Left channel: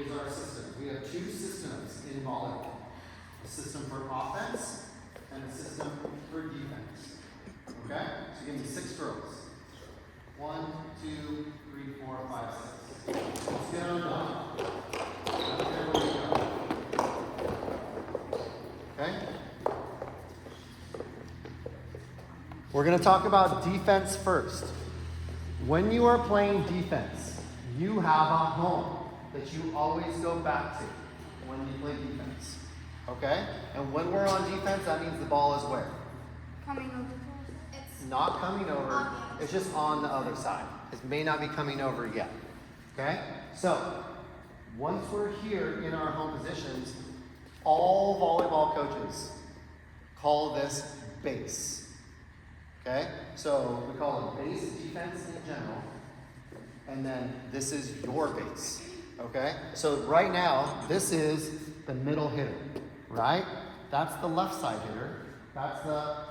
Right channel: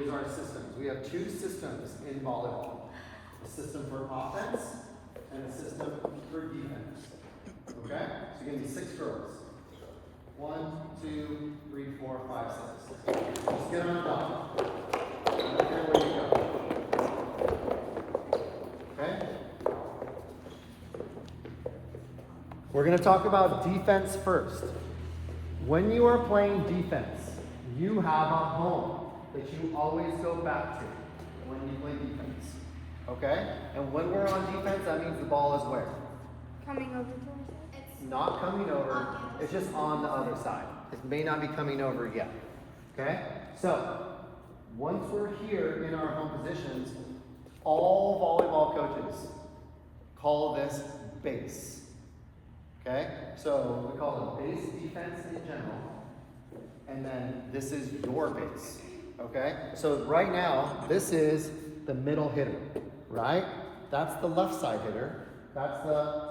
is our systems. We have two systems in volleyball. A system for offense and a system for defense. Okay? So give me 6 girls. 1, 2, 3, 4, 5, 6. Let's get on the dot. I don't care where you go. Okay? We're going to talk about defense first. When you are playing defense, you have a home that you always go back to when you play defense. Okay? And when we're on defense, that means the ball is where? Coming over to us. It's not coming over, it's just on the other side. It may not be coming over yet. Okay? So, once we're here in our home positions, all volleyball coaches call this base. Okay? So, we call it base defense in general. And then this is your base. Okay? So, right now, this is the middle hitter. Right? That's the left side hitter. That's the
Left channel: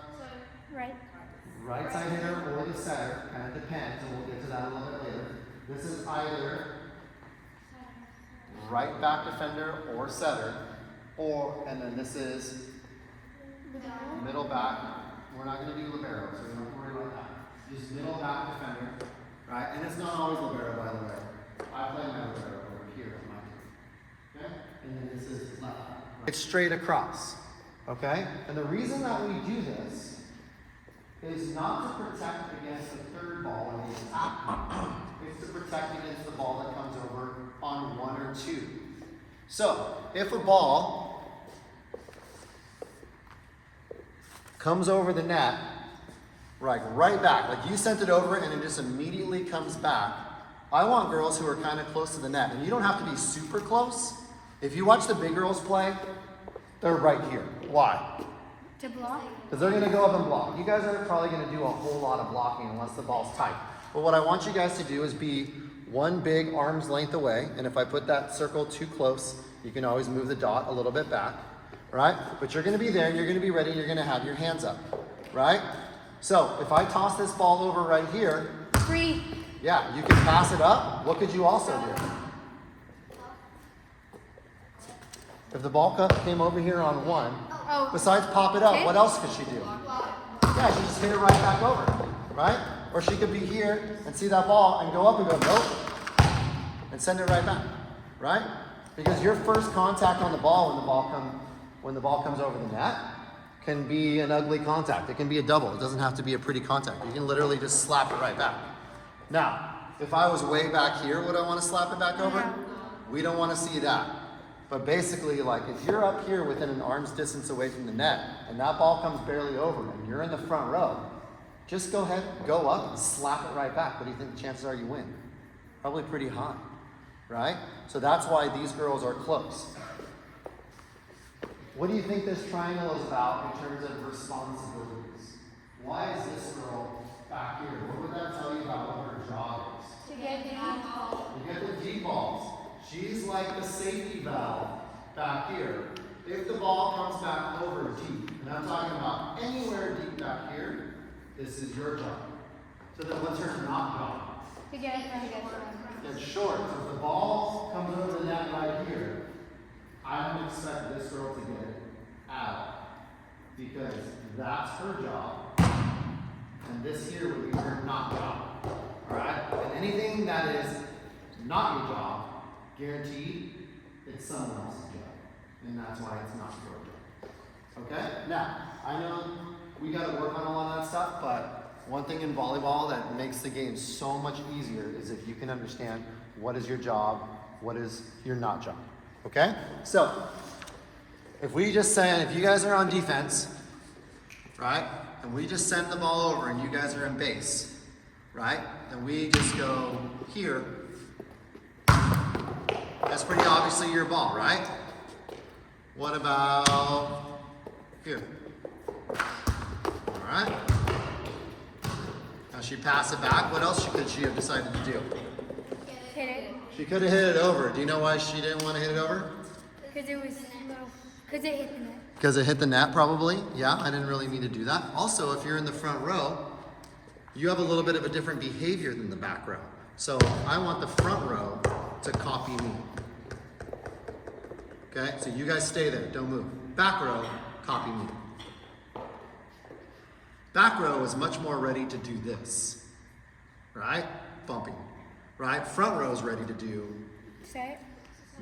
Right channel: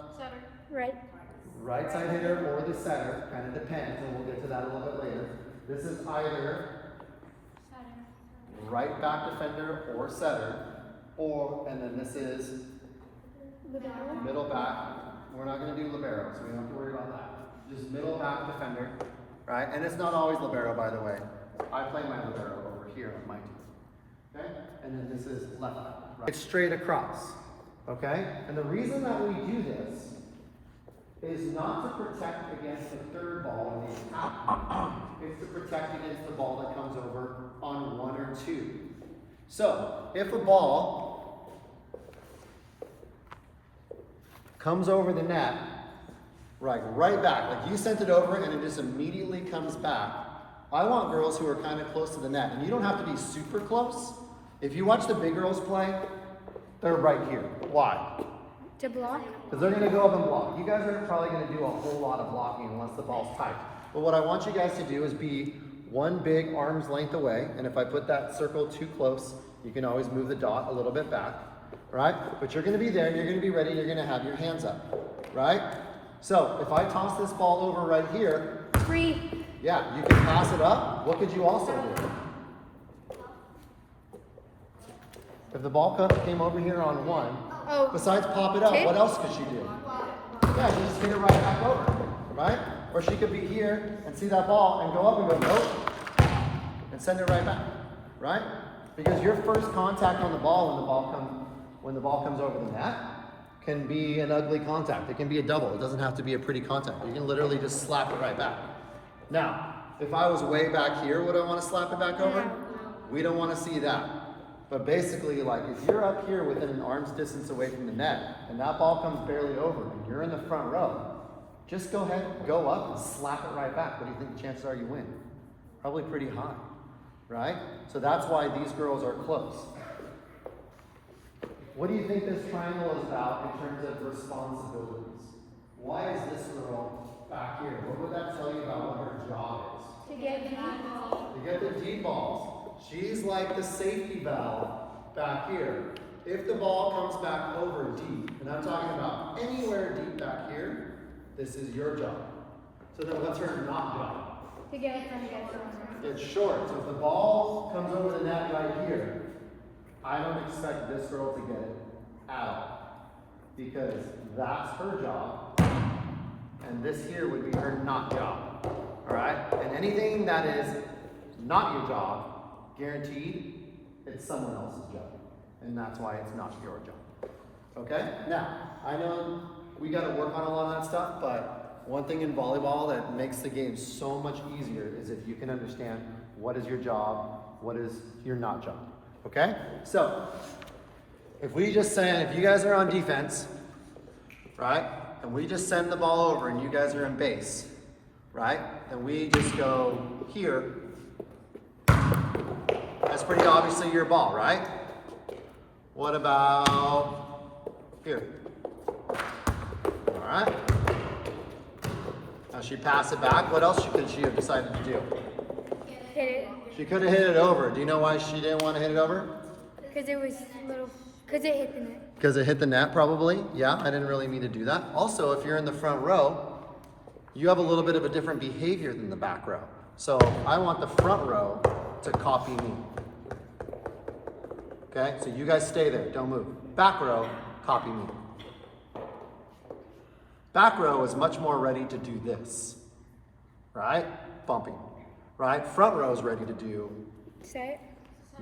right side hitter or the setter. Kind of depends, and we'll get to that a little bit later. This is either right back defender or setter, and then this is middle back. We're not going to do libero, so we don't have to worry about that. Just middle back defender, right? And it's not always libero, by the way. I play my libero over here on my team. Okay? And then this is left back. Right. It's straight across. Okay? And the reason that we do this is not to protect against the third ball in the attack. It's to protect against the ball that comes over on 1 or 2. So, if a ball comes over the net, right back, like you sent it over and it just immediately comes back, I want girls who are kind of close to the net. And you don't have to be super close. If you watch the big girls play, they're right here. Why? To block? Because they're going to go up and block. You guys aren't probably going to do a whole lot of blocking unless the ball's tight. But what I want you guys to do is be one big arm's length away. And if I put that circle too close, you can always move the dot a little bit back. Right? But you're going to be there. You're going to be ready. You're going to have your hands up. Right? So if I toss this ball over right here. 3. Yeah, you can pass it up. What could you also do? If the ball came over here on 1, besides pop it up, what else could she do? Yeah, she just hit it right back over, right? Or she could be here and see that ball and go up and go, nope, and send it right back, right? Because your first contact on the ball when the ball comes over the net can be an ugly contact. It can be a double. It doesn't have to be a pretty contact. You can literally just slap it right back. Now, if I was way back here, would I want to slap it back over? We don't want to see that. But basically, like, if you're up here within an arm's distance away from the net, and that ball comes barely over, and you're in the front row, just go ahead, go up, and slap it right back. What do you think the chances are you win? Probably pretty high, right? So that's why these girls are close. What do you think this triangle is about in terms of responsibilities? Why is this girl back here? What would that tell you about what her job is? To get the ball. To get the deep balls. She's like the safety valve back here. If the ball comes back over deep, and I'm talking about anywhere deep back here, this is your job. So then what's her not job? To get it. It's short. So if the ball comes over the net right here, I don't expect this girl to get it out. Because that's her job. And this here would be her not job. Alright? And anything that is not your job, guaranteed, it's someone else's job. And that's why it's not your job. Okay? Now, I know we got to work on a lot of that stuff, but one thing in volleyball that makes the game so much easier is if you can understand what is your job, what is your not job. Okay? So, if you guys are on defense, right? And we just send the ball over and you guys are in base, right? And we just go here. That's pretty obviously your ball, right? What about here? All right. Now she passed it back. What else could she have decided to do? Hit it. She could have hit it over. Do you know why she didn't want to hit it over? Because it was little. Because it hit the net. Because it hit the net, probably. Yeah, I didn't really mean to do that. Also, if you're in the front row, you have a little bit of a different behavior than the back row. So I want the front row to copy me. Okay, so you guys stay there, don't move. Back row, copy me. Back row is much more ready to do this, right? Bumping, right? Front row is ready to do Set.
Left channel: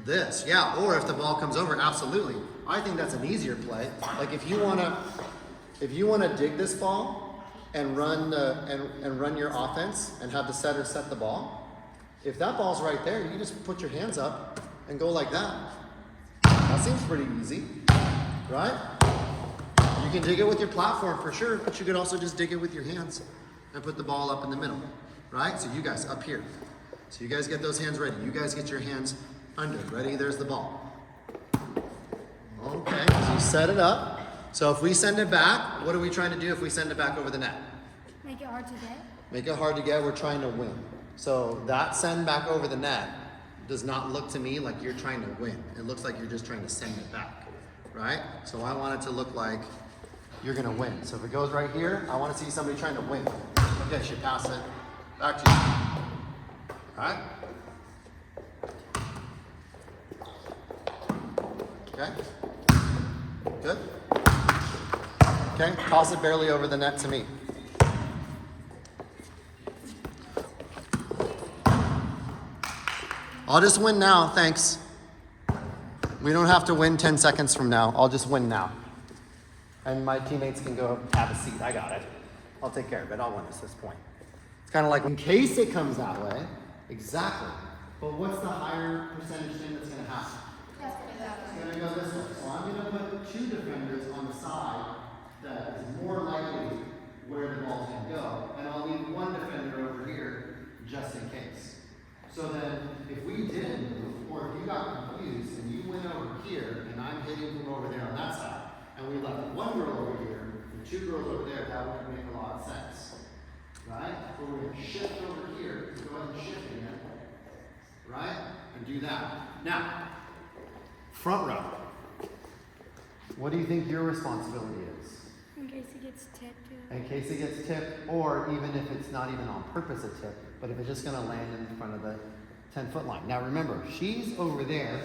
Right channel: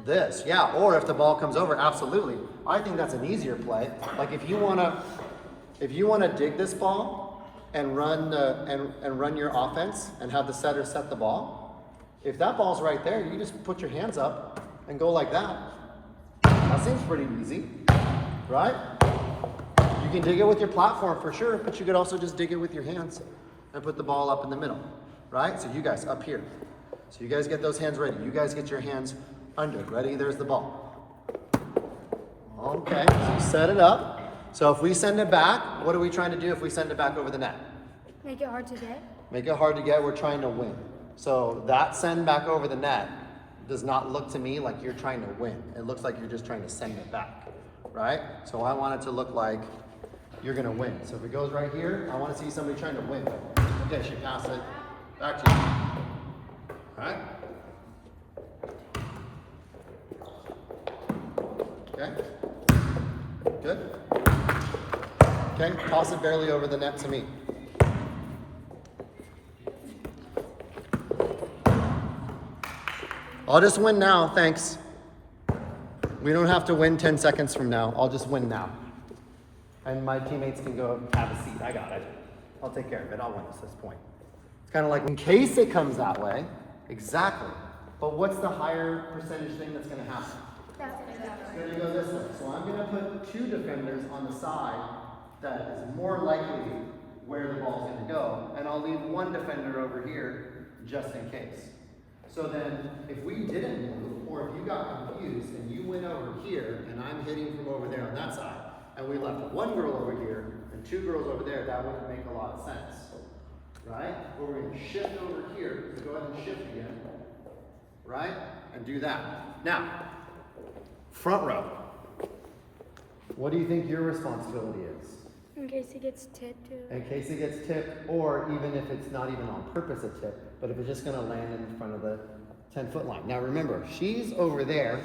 this, yeah. Or if the ball comes over, absolutely. I think that's an easier play. Like if you wanna dig this ball and run run your offense and have the setter set the ball, if that ball's right there, you just put your hands up and go like that. That seems pretty easy, right? You can dig it with your platform for sure, but you could also just dig it with your hands and put the ball up in the middle, right? So you guys up here. So you guys get those hands ready. You guys get your hands under. Ready? There's the ball. Okay, so you set it up. So if we send it back, what are we trying to do if we send it back over the net? Make it hard to get. Make it hard to get. We're trying to win. So that send back over the net does not look to me like you're trying to win. It looks like you're just trying to send it back, right? So I want it to look like you're gonna win. So if it goes right here, I want to see somebody trying to win. Okay, she passed it back to you. All right? Okay? Good? Okay, toss it barely over the net to me. I'll just win now, thanks. We don't have to win 10 seconds from now. I'll just win now. And my teammates can go have a seat. I got it. I'll take care of it. I'll win at this point. It's kind of like in case it comes that way. Exactly. But what's the higher percentage thing that's going to happen? It's going to go this way. So I'm going to put 2 defenders on the side that is more likely where the ball's going to go. And I'll leave 1 defender over here just in case. So then if we didn't move, or if you got confused and you went over here and I'm hitting from over there on that side, and we left 1 girl over here and 2 girls over there, that wouldn't make a lot of sense, right? But we're going to shift over here, so go ahead and shift again, right? And do that. Now, front row. What do you think your responsibility is? In case it gets tipped. In case it gets tipped, or even if it's not even on purpose a tip, but if it's just going to land in front of the 10-foot line. Now remember, she's over there,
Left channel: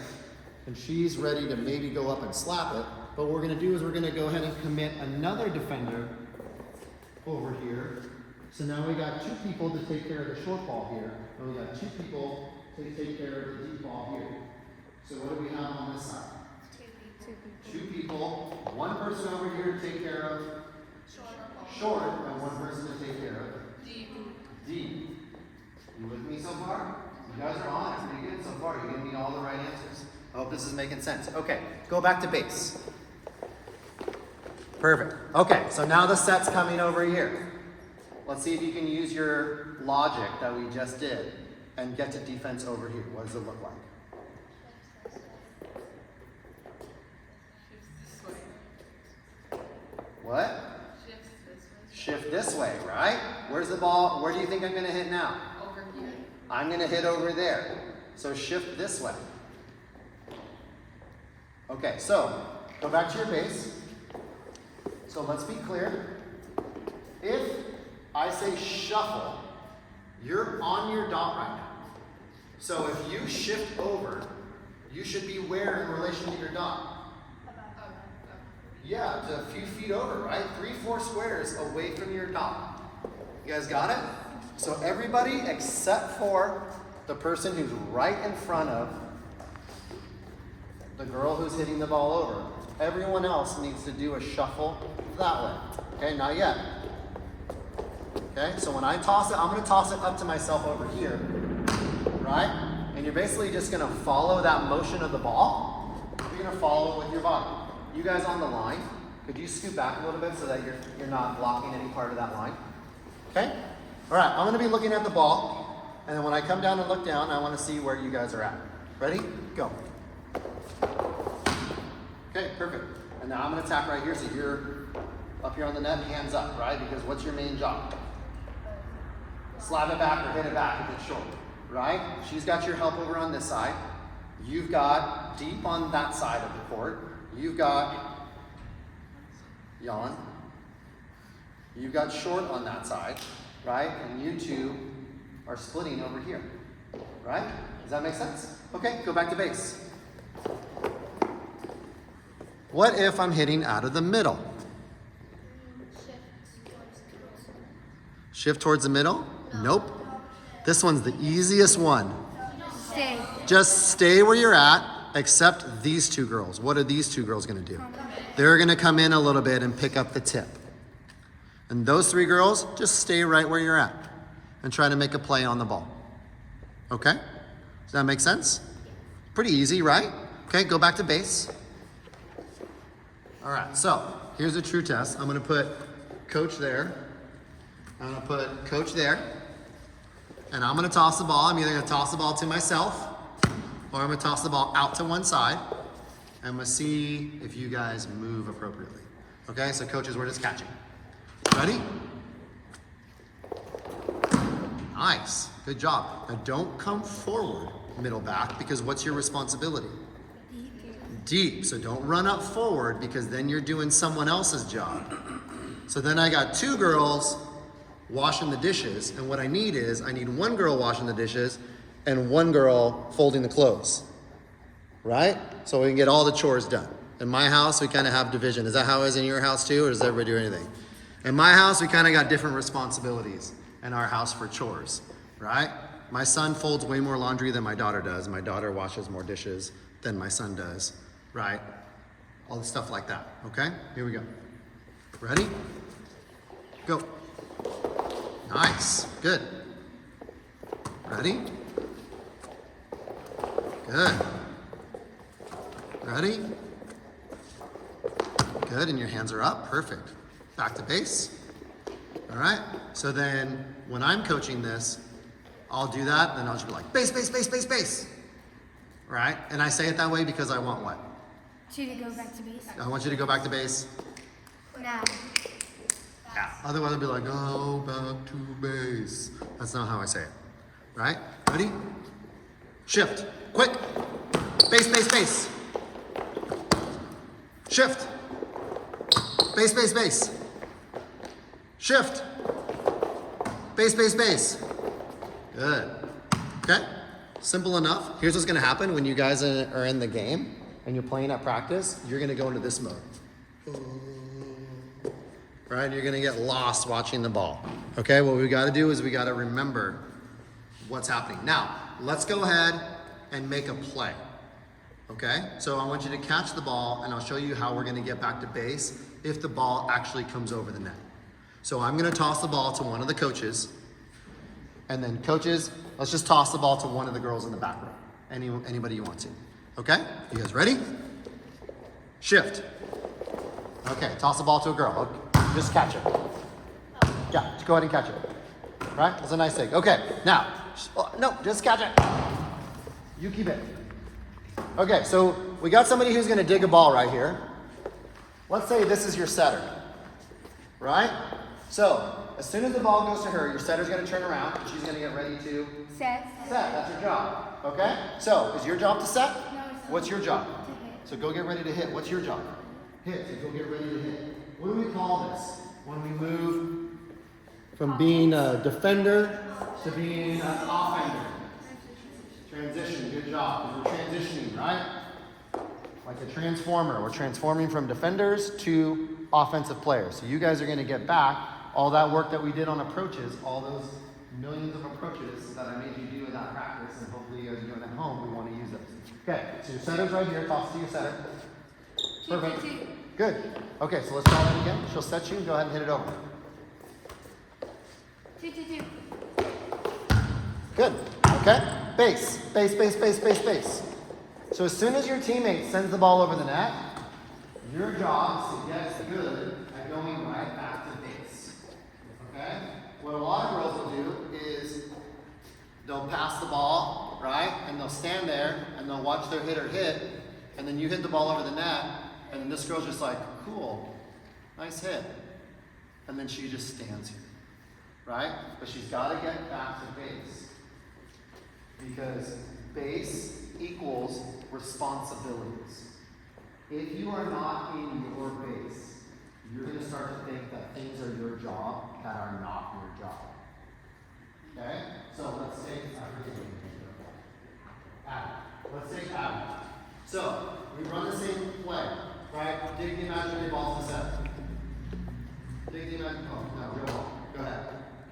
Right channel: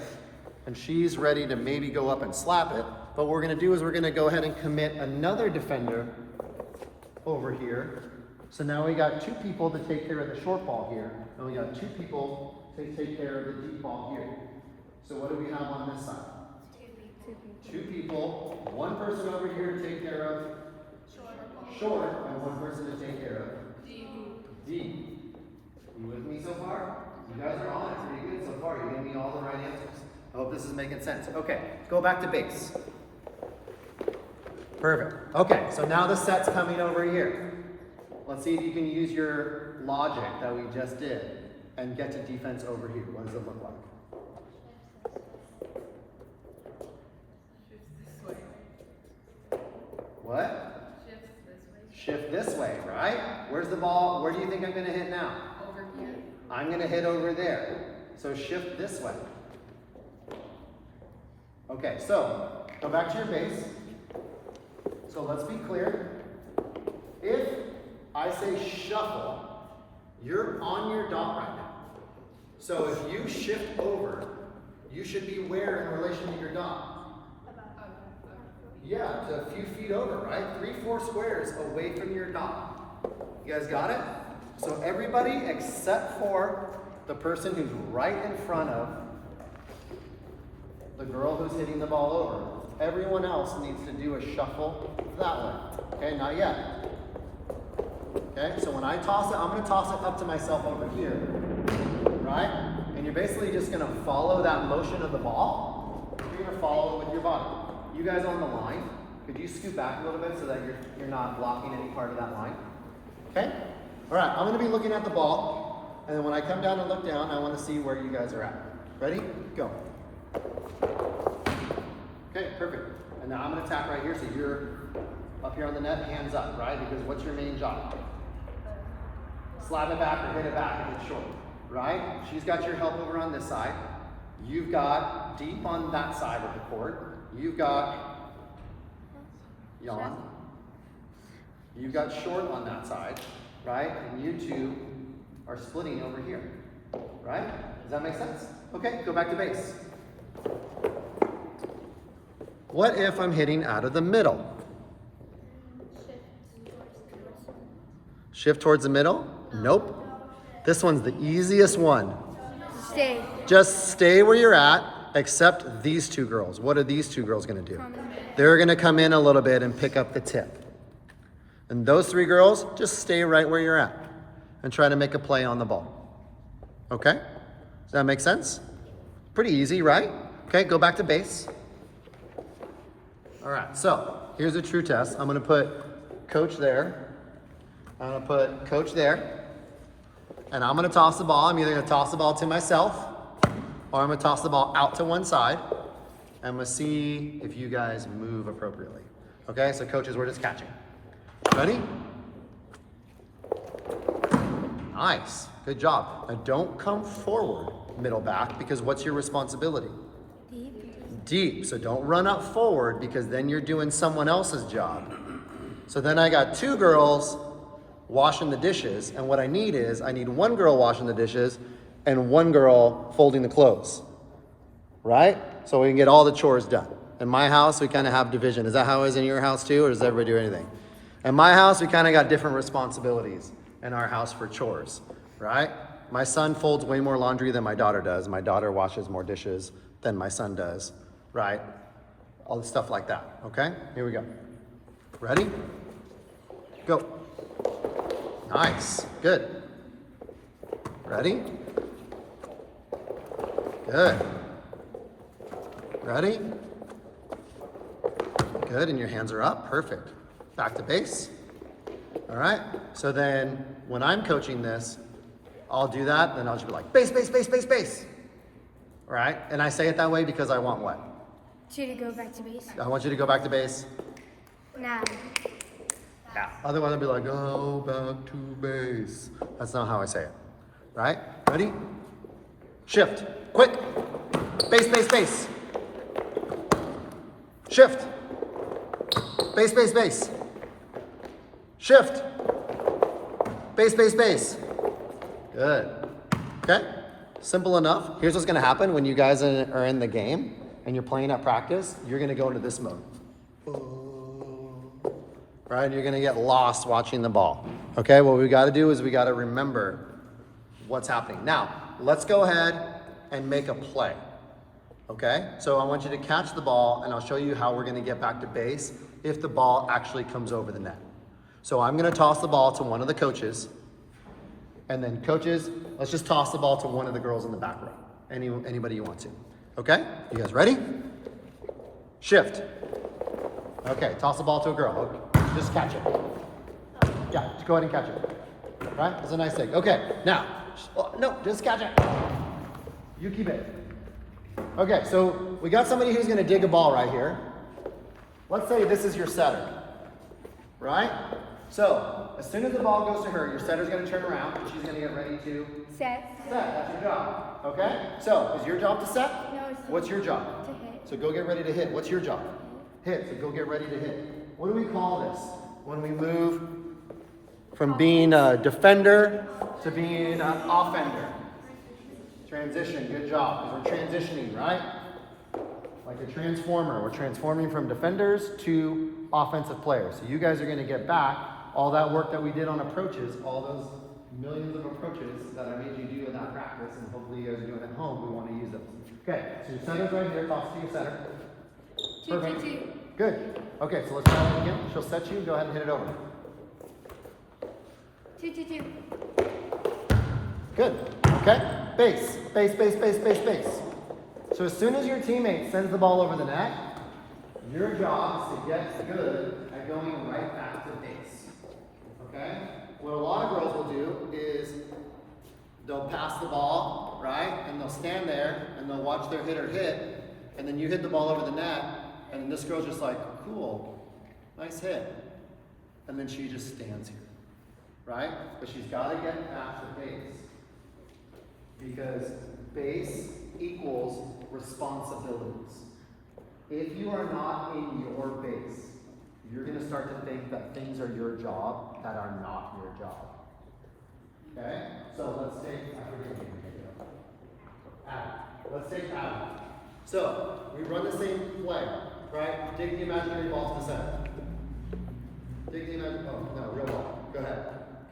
and she's ready to maybe go up and slap it. But what we're going to do is we're going to go ahead and commit another defender over here. So now we got 2 people to take care of the short ball here, and we got 2 people to take care of the deep ball here. So what do we have on this side? 2 people. 1 person over here to take care of short, and 1 person to take care of deep. You with me so far? You guys are on it pretty good so far. You're giving me all the right answers. I hope this is making sense. Okay, go back to base. Perfect. Okay, so now the set's coming over here. Let's see if you can use your logic that we just did and get to defense over here. What does it look like? What? Shift this way, right? Where's the ball? Where do you think I'm going to hit now? Over here. I'm going to hit over there. So shift this way. Okay, so go back to your base. So let's be clear. If I say shuffle, you're on your dot right now. So if you shift over, you should be where in relation to your dot? Yeah, to a few feet over, right? 3-4 squares away from your dot. You guys got it? So everybody except for the person who's right in front of the girl who's hitting the ball over. Everyone else needs to do a shuffle that way. Okay, not yet. Okay, so when I toss it, I'm going to toss it up to myself over here. Right? And you're basically just going to follow that motion of the ball. You're going to follow it with your body. You guys on the line, could you scoot back a little bit so that you're not blocking any part of that line? Okay? All right, I'm going to be looking at the ball, and then when I come down and look down, I want to see where you guys are at. Ready? Go. Okay, perfect. And now I'm going to tap right here, so you're up here on the net, hands up, right? Because what's your main job? Slap it back or hit it back if it's short, right? She's got your help over on this side. You've got deep on that side of the court. You've got Jan. You've got short on that side, right? And you 2 are splitting over here, right? Does that make sense? Okay, go back to base. What if I'm hitting out of the middle? Shift towards the middle? Nope. This one's the easiest one. Stay. Just stay where you're at, except these two girls. What are these two girls gonna do? They're gonna come in a little bit and pick up the tip. And those three girls, just stay right where you're at and try to make a play on the ball. Okay? Does that make sense? Pretty easy, right? Okay, go back to base. All right, so here's a true test. I'm gonna put coach there. I'm gonna put coach there. And I'm gonna toss the ball. I'm either gonna toss the ball to myself or I'm gonna toss the ball out to one side. I'm gonna see if you guys move appropriately. Okay, so coaches, we're just catching. Ready? Nice, good job. Now don't come forward, middle back, because what's your responsibility? Deep, so don't run up forward because then you're doing someone else's job. So then I got two girls washing the dishes, and what I need is, I need one girl washing the dishes and one girl folding the clothes, right? So we can get all the chores done. In my house, we kind of have division. Is that how it is in your house too, or does everybody do anything? In my house, we kind of got different responsibilities in our house for chores, right? My son folds way more laundry than my daughter does. My daughter washes more dishes than my son does, right? All the stuff like that, okay? Here we go. Ready? Go. Nice, good. Ready? Good. Ready? Good, and your hands are up, perfect. Back to base. All right, so then when I'm coaching this, I'll do that, then I'll just be like, base, base, base, base, base. All right, and I say it that way because I want what? You to go back to base. I want you to go back to base. Now. Yeah, otherwise I'll be like, go back to base. That's not how I say it, right? Ready? Shift, quick. Base, base, base. Shift. Base, base, base. Shift. Base, base, base. Good. Okay? Simple enough. Here's what's gonna happen when you guys are in the game and you're playing at practice, you're gonna go into this mode. Right? You're gonna get lost watching the ball. Okay, what we gotta do is we gotta remember what's happening. Now, let's go ahead and make a play. Okay, so I want you to catch the ball and I'll show you how we're gonna get back to base if the ball actually comes over the net. So I'm gonna toss the ball to one of the coaches, and then coaches, let's just toss the ball to one of the girls in the back row. Anybody you want to. Okay, you guys ready? Shift. Okay, toss the ball to a girl. Okay, just catch it. Yeah, just go ahead and catch it. All right, that's a nice thing. Okay, now, no, just catch it. You keep it. Okay, so we got somebody who's gonna dig a ball right here. Let's say this is your setter, right? So, as soon as the ball goes to her, your setter's gonna turn around and she's gonna get ready to Set. that's your job, okay? So, is your job to set? No, it's What's your job? to hit. So go get ready to hit. What's your job? Hit, so go get ready to hit. What do we call this? When we move from being a defender to being an offender. Transition, good job, because we're transitioning, right? Like a transformer, we're transforming from defenders to offensive players. So you guys are gonna get back all that work that we did on approaches, all those millions of approaches that I made you do in that practice, and hopefully you guys are doing at home, we wanna use those. Okay, so your setter's right here, toss to your setter. Two. Good. Okay, so let's try it again. She'll set you, go ahead and hit it over. Two. Good. Okay. Base. Base. So as soon as your teammate sends the ball over the net, your job is to get good at going right back to base. Okay? What a lot of girls will do is they'll pass the ball, right? And they'll stand there and they'll watch their hitter hit, and then you hit the ball over the net, and this girl's just like, cool, nice hit. And then she just stands here, right? But she's got to get back to base. Because base equals responsibilities. If you are not in your base, you're going to start to think that things are your job that are not your job. Okay? So let's take, Adam. Let's take Adam. So we run the same play. right? Dig the imaginary ball to the center. Dig the imaginary, oh, no, real ball. Go ahead.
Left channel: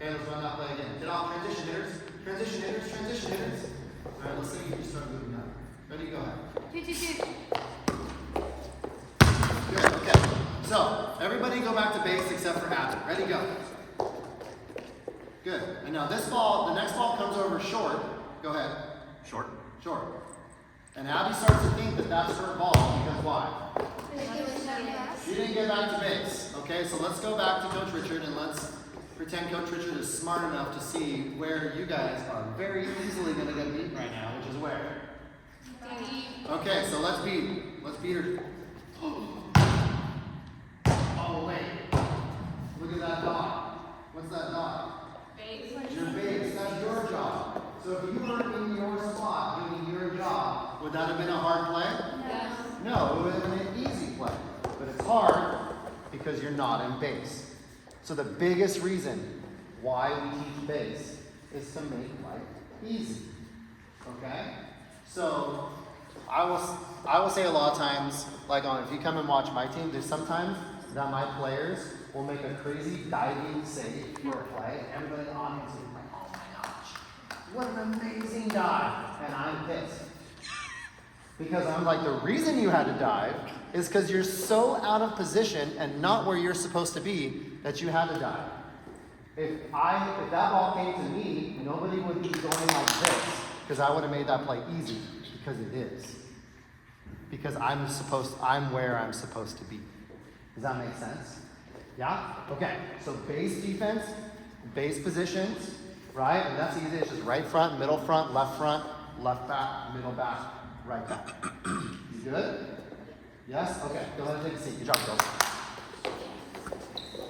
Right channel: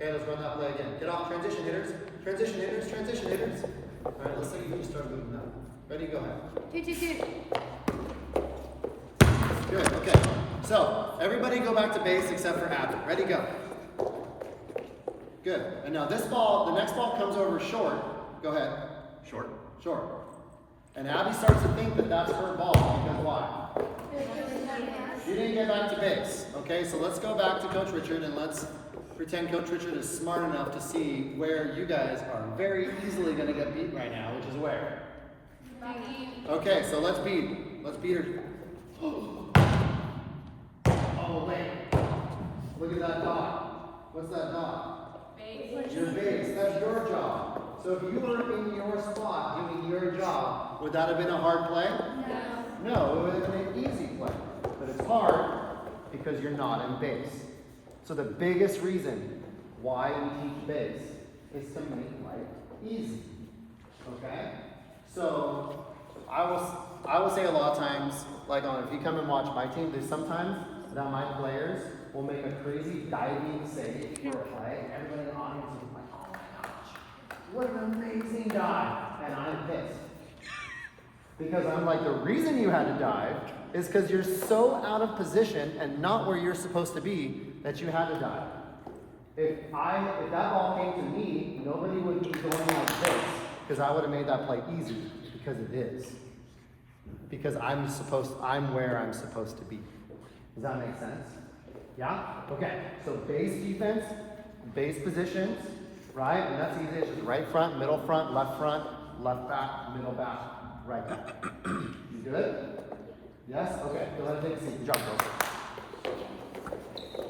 Okay, let's run that play again. Get off, transition hitters. Transition hitters, transition hitters. All right, let's say you just start moving up. Ready, go ahead. 2, 2, 2. Good, okay. So, everybody go back to base except for Abby. Ready, go. Good. And now this ball, the next ball comes over short. Go ahead. Short. Short. And Abby starts to think that that's her ball because why? She didn't get back to base. Okay, so let's go back to Coach Richard and let's pretend Coach Richard is smart enough to see where you guys are very easily going to get beat right now, which is where? Okay, so let's beat her. Oh, wait. Look at that dot. What's that dot? Base. Your base. That's your job. So if you were in your spot doing your job, would that have been a hard play? No. No, it would have been an easy play. But it's hard because you're not in base. So the biggest reason why we teach base is to make life easy. Okay? So I will say a lot of times, like if you come and watch my team, there's sometimes that my players will make a crazy diving save for a play. Everybody in the audience is like, oh my gosh, what an amazing dive. And I'm pissed. Because I'm like, the reason you had to dive is because you're so out of position and not where you're supposed to be that you had to dive. If that ball came to me, nobody would be going on this because I would have made that play easy because it is. Because I'm where I'm supposed to be. Does that make sense? Yeah? Okay, so base defense, base positions, right? And that's easy. It's just right front, middle front, left back, middle back, right back. You good? Yes? Okay, go ahead and take a seat. Good job, guys.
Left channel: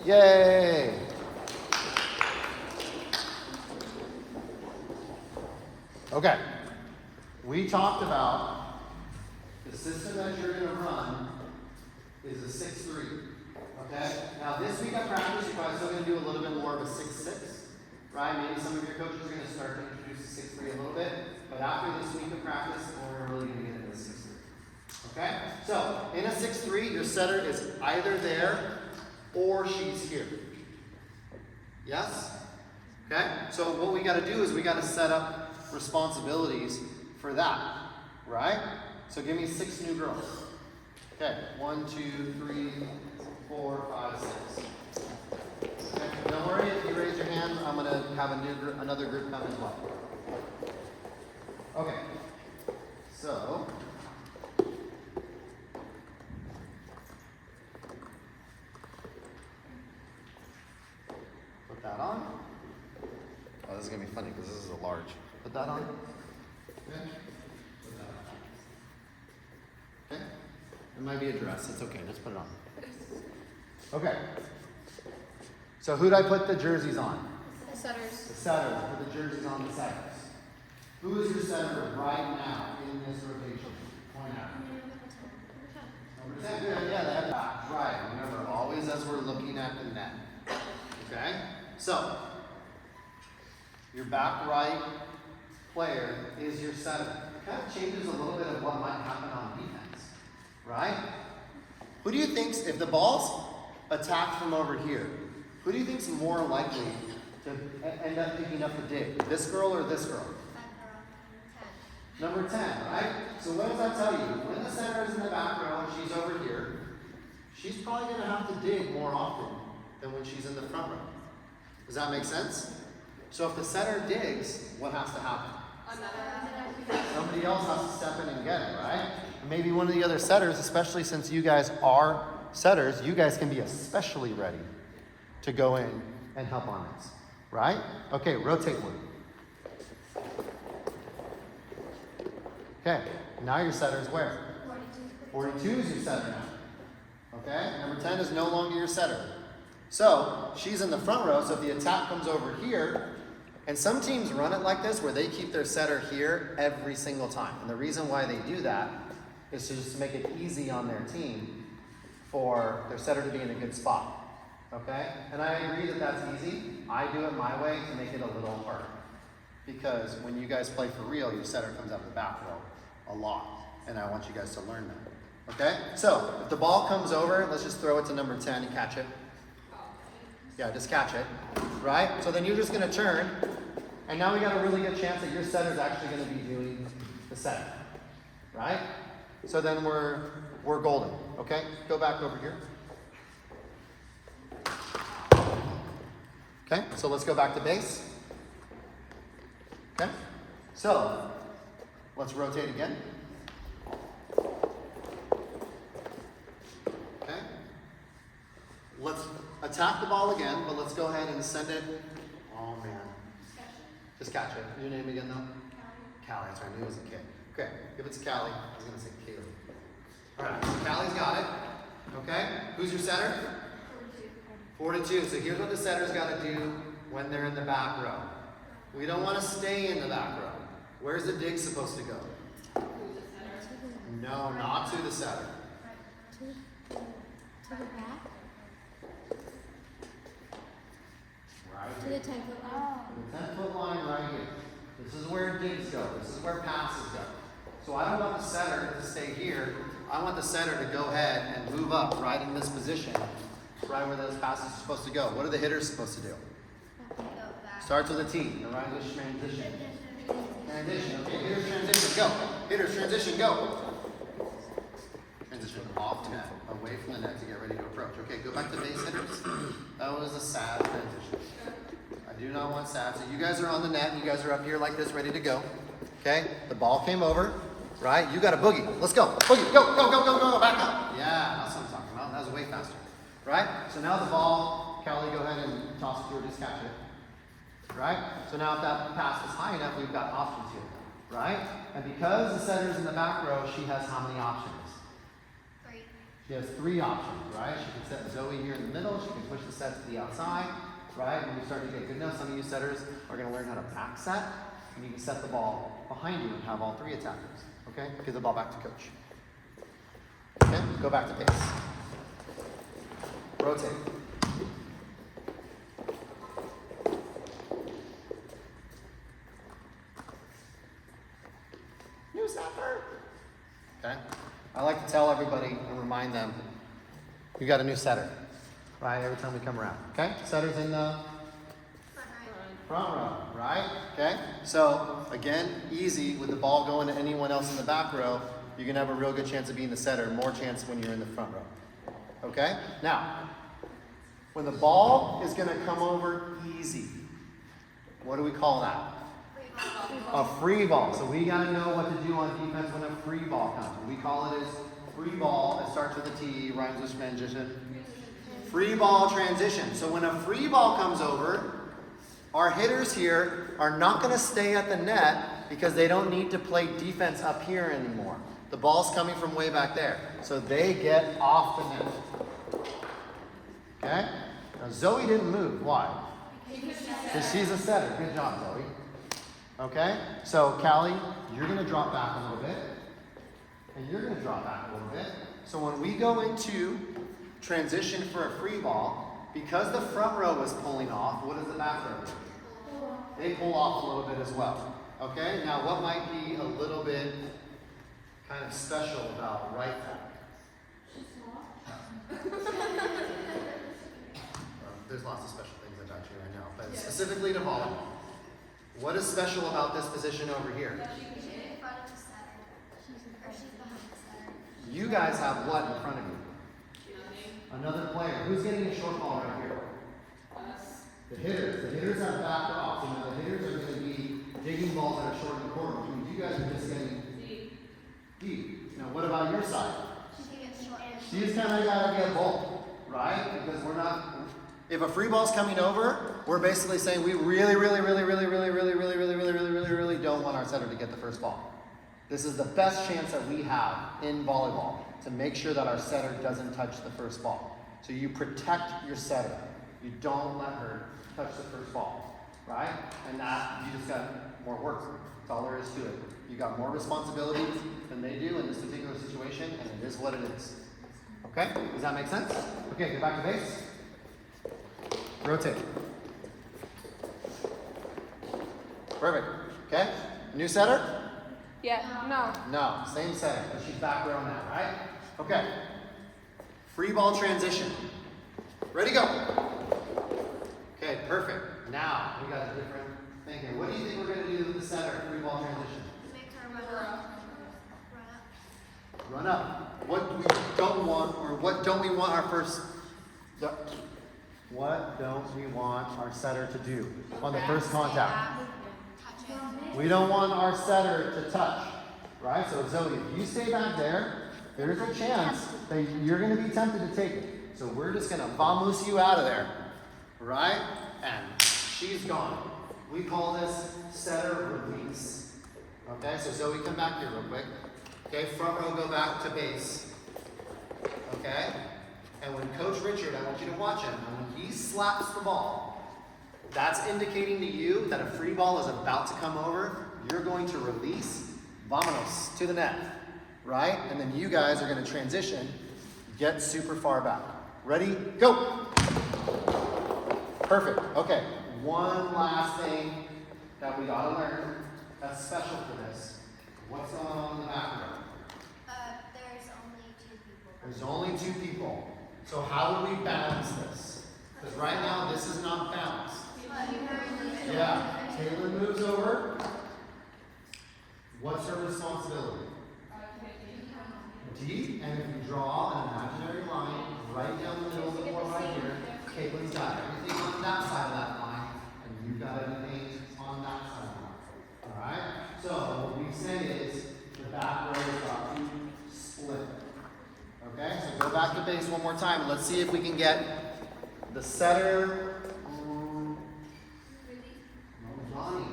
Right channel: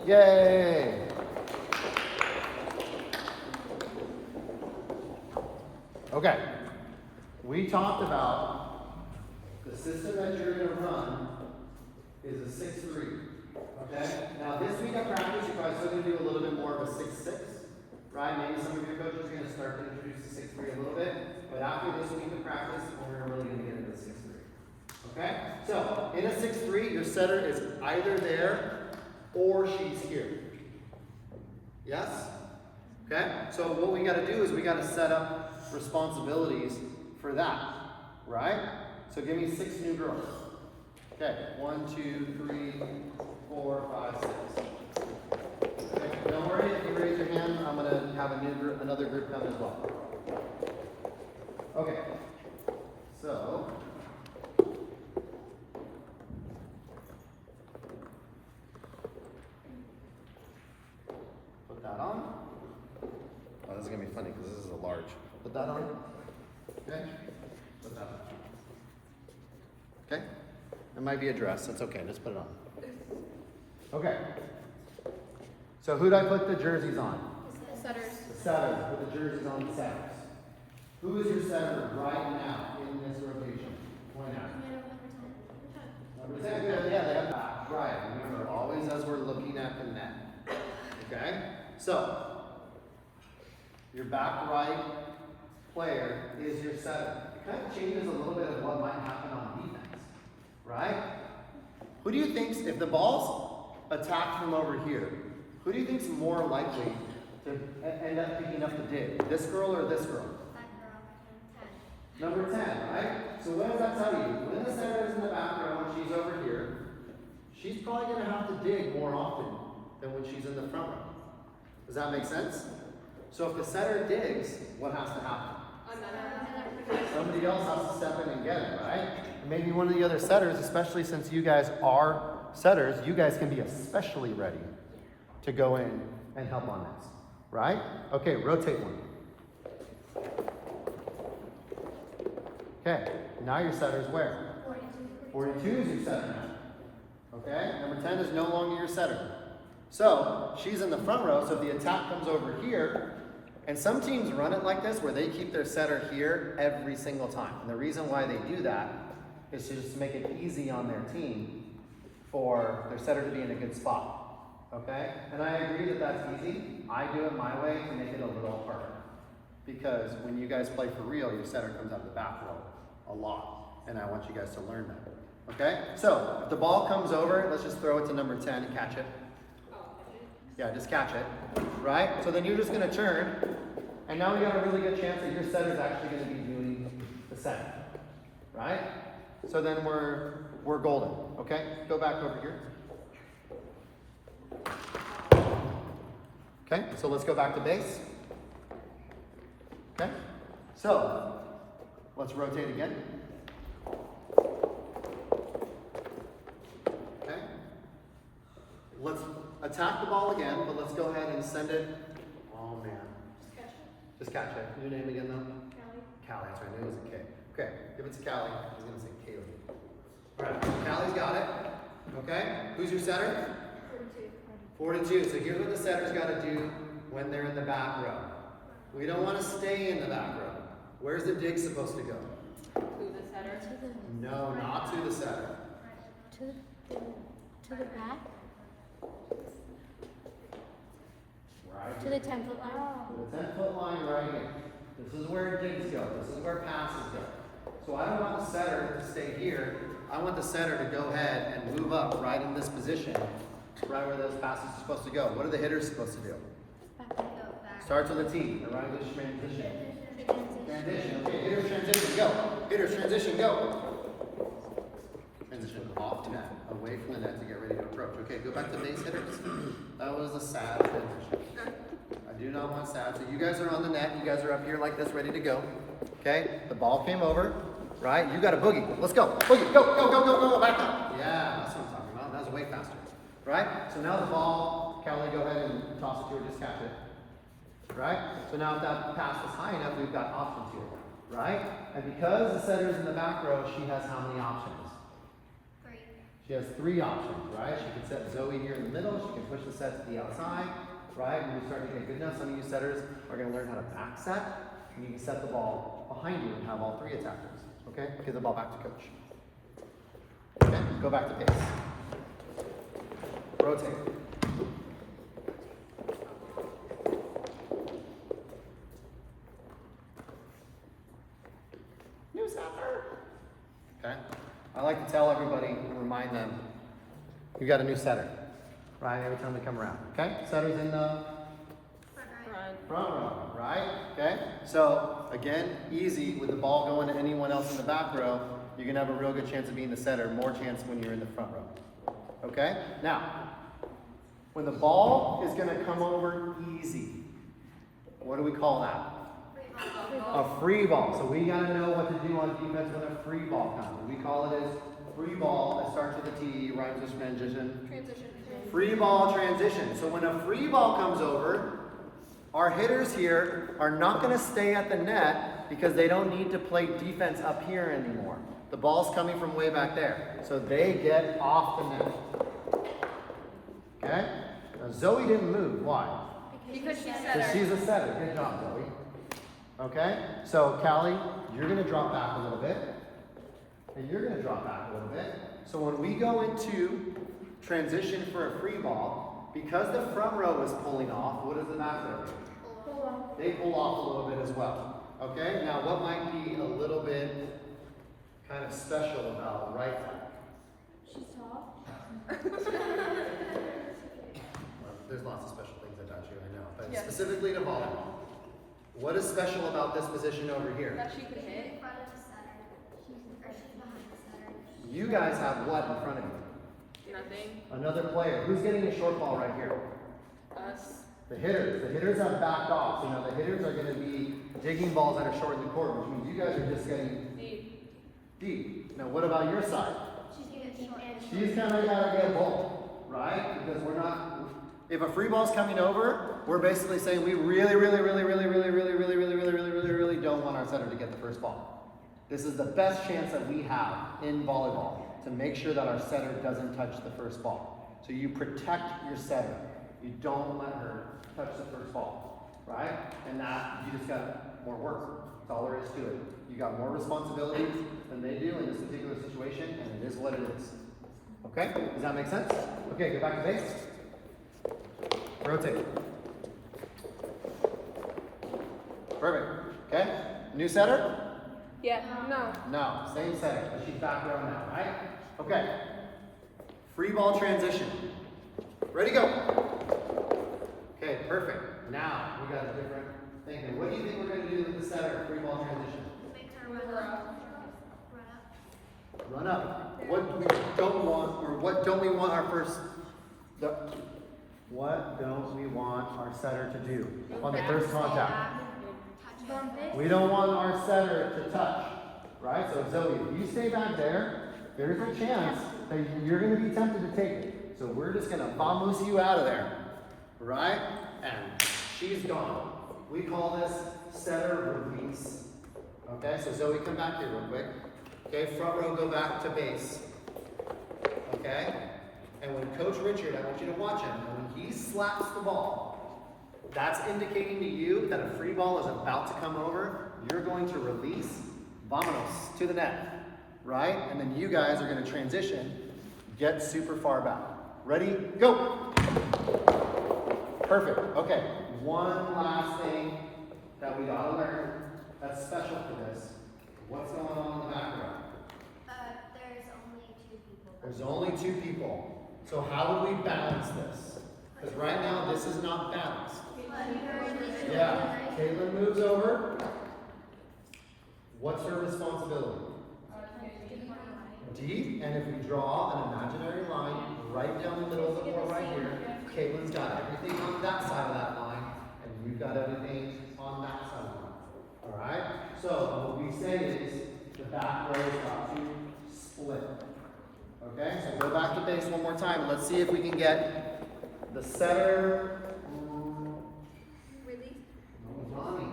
Yay! Okay, we talked about the system that you're going to run is a 6-3. Okay? Now this week of practice, you're probably still going to do a little bit more of a 6-6. Right? Maybe some of your coaches are going to start to introduce the 6-3 a little bit. But after this week of practice, we're really going to get into 6-3. Okay? So, in a 6-3, your setter is either there or she's here. Yes? Okay? So what we got to do is we got to set up responsibilities for that. Right? So give me 6 new girls. Okay, 1, 2, 3, 4, 5, 6. Okay, don't worry, if you raise your hand, I'm going to have another group come as well. Okay, so put that on. Oh, this is going to be funny because this is a large. Put that on. Okay, put that on. Okay? It might be a dress. That's okay. Let's put it on. Okay. So who did I put the jerseys on? The setters. The setters. Put the jerseys on the setters. Who is your setter right now in this rotation? Point out. Number 10. Good. Yeah, that's right. Remember, always as we're looking at the net. Okay? So, your back right player is your setter. That changes a little bit of what might happen on defense, right? Who do you think, if the ball's attacked from over here, who do you think's more likely to end up picking up the dig? This girl or this girl? Number 10, right? So what does that tell you? When the center is in the back row and she's over here, she's probably going to have to dig more often than when she's in the front row. Does that make sense? So if the center digs, what has to happen? Somebody else has to step in and get it, right? Maybe one of the other setters, especially since you guys are setters, you guys can be especially ready to go in and help on it, right? Okay, rotate one. Okay, now your setter is where? 42 is your setter now. Okay, number 10 is no longer your setter. So, she's in the front row, so if the attack comes over here, and some teams run it like this where they keep their setter here every single time. And the reason why they do that is to just make it easy on their team for their setter to be in a good spot. Okay? And I agree that that's easy. I do it my way to make it a little harder. Because when you guys play for real, your setter comes out of the back row a lot. And I want you guys to learn Okay? So, if the ball comes over, let's just throw it to number 10 and catch it. Yeah, just catch it. Right? So then you're just going to turn, and now we got a really good chance that your setter is actually going to be doing the set. Right? So then we're golden. Okay? Go back over here. Okay? So let's go back to base. Okay? So, let's rotate again. Okay? Let's attack the ball again, but let's go ahead and send it. Oh man. Just catch it. Your name again though? Callie. That's right. I knew it was a K. Okay. Give it to Callie. I was going to say Kaylee. Alright. So Callie's got it. Okay? Who's your setter? 42. So here's what the setter's got to do when they're in the back row. We don't want to stay in the back row. Where's the dig supposed to go? To the setter. No, not to the setter. To the back? Right To here. the 10-foot line. The 10-foot line right here. This is where digs go. This is where passes go. So I don't want the setter to stay here. I want the setter to go ahead and move up right in this position, right where those passes are supposed to go. What are the hitters supposed to do? Starts with a T. The right is transition. Transition. Okay, hitters transition, go. Hitters transition, go. Transition off the net, away from the net to get ready to approach. Okay, go back to base hitters. That was a sad transition. I do not want sad. So you guys are on the net. You guys are up here like this, ready to go. Okay, the ball came over, right? You got a boogie. Let's go. Boogie, go, go, go, go, go. Back up. Yeah, that's what I'm talking about. That was way faster. Right? So now the ball, Callie, go ahead and toss it through, just catch it. Right? So now if that pass is high enough, we've got options here. Right? And because the setter's in the back row, she has how many options? 3. She has 3 options, right? She can set Zoe here in the middle, she can push the set to the outside, right? When we start to get good enough, some of you setters are going to learn how to back set, and you can set the ball behind you and have all 3 attackers. Okay? Give the ball back to coach. Okay? Go back to pace. Rotate. New setter. Okay? I like to tell everybody and remind them, we got a new setter, right? Every time we come around. Okay? Setter's in the front row, right? Okay? So, again, easy with the ball going to anyone else in the back row, you're going to have a real good chance of being the setter, more chance when you're in the front row. Okay? Now, when the ball is going to come over easy, what do we call that? A free ball. So we got to know what to do on defense when a free ball comes. We call it as free ball that starts with a T, right into transition. Free ball transition. So when a free ball comes over, our hitters here are not going to stay at the net because they don't need to play defense up here anymore. The ball's coming from way back there. So they get off the net. Okay? Now Zoe didn't move. Why? Because she's a setter. Good job, Zoe. Okay? So, Callie, you're going to drop back a little bit. And you're going to drop back a little bit. So when we go into transition for a free ball, because the front row is pulling off, what does the back row do? They pull off a little bit as well. Okay? Now, what might be a little bit kind of special about right back? There's lots of special things about you, I know. But specifically to volleyball. What is special about this position over here? You guys have what in front of you? Nothing. Another player. Who's getting a short ball right here? Us. The hitters. The hitters have backed off. You know, the hitters are going to be digging balls that are short in the court, which means you guys are just getting deep. Now, what about your side? She's kind of got to get a ball, right? Because we're not. If a free ball's coming over, we're basically saying we really don't want our setter to get the first ball. This is the best chance that we have in volleyball to make sure that our setter doesn't touch the first ball. So you protect your setter. You don't let her touch the first ball, right? And that, you just got more work. That's all there is to it. You got more responsibilities than they do in this particular situation, and it is what it is. Okay? Does that make sense? Okay, get back to base. Rotate. Perfect. Okay? New setter? Yeah. No. No. Same setter. She's back around now, right? Okay. Free ball transition. Ready, go. Okay, perfect. Now, we got a different thing here. What do you think we're going to do with the setter? Free ball transition. Run up. What we don't want, or what don't we want our first, what don't we want our setter to do on the first contact? We don't want our setter to touch, right? So Zoe, if you stay back there, there's a chance that you're going to be tempted to take it. So we're just going to vamos you out of there, right? And she's gone. We call this setter release. Okay, so Zoe, come back here real quick. Okay, front row, go back to base. Okay? And when Coach Richard, I want you to watch him, and when he slaps the ball, that's indicating to you that a free ball is about to come over. You're going to release, vamos, to the net. Right? And then you guys are going to transition, get super far back. Ready? Go! Perfect. Okay. One last thing that we ought to learn that's special for this. What's going on in the back row? There's only two people. So how do we balance this? Because right now this is not balanced. Yeah. Caitlin moves over. What's her responsibility? D. And if we draw an imaginary line right down the middle of the court right here, Caitlin's got everything on that side of that line, and you've got everything on that side of the line. Alright? So what we say is the back row is got to split. Okay, so go back to base one more time and let's see if we can get the setter. Lonnie.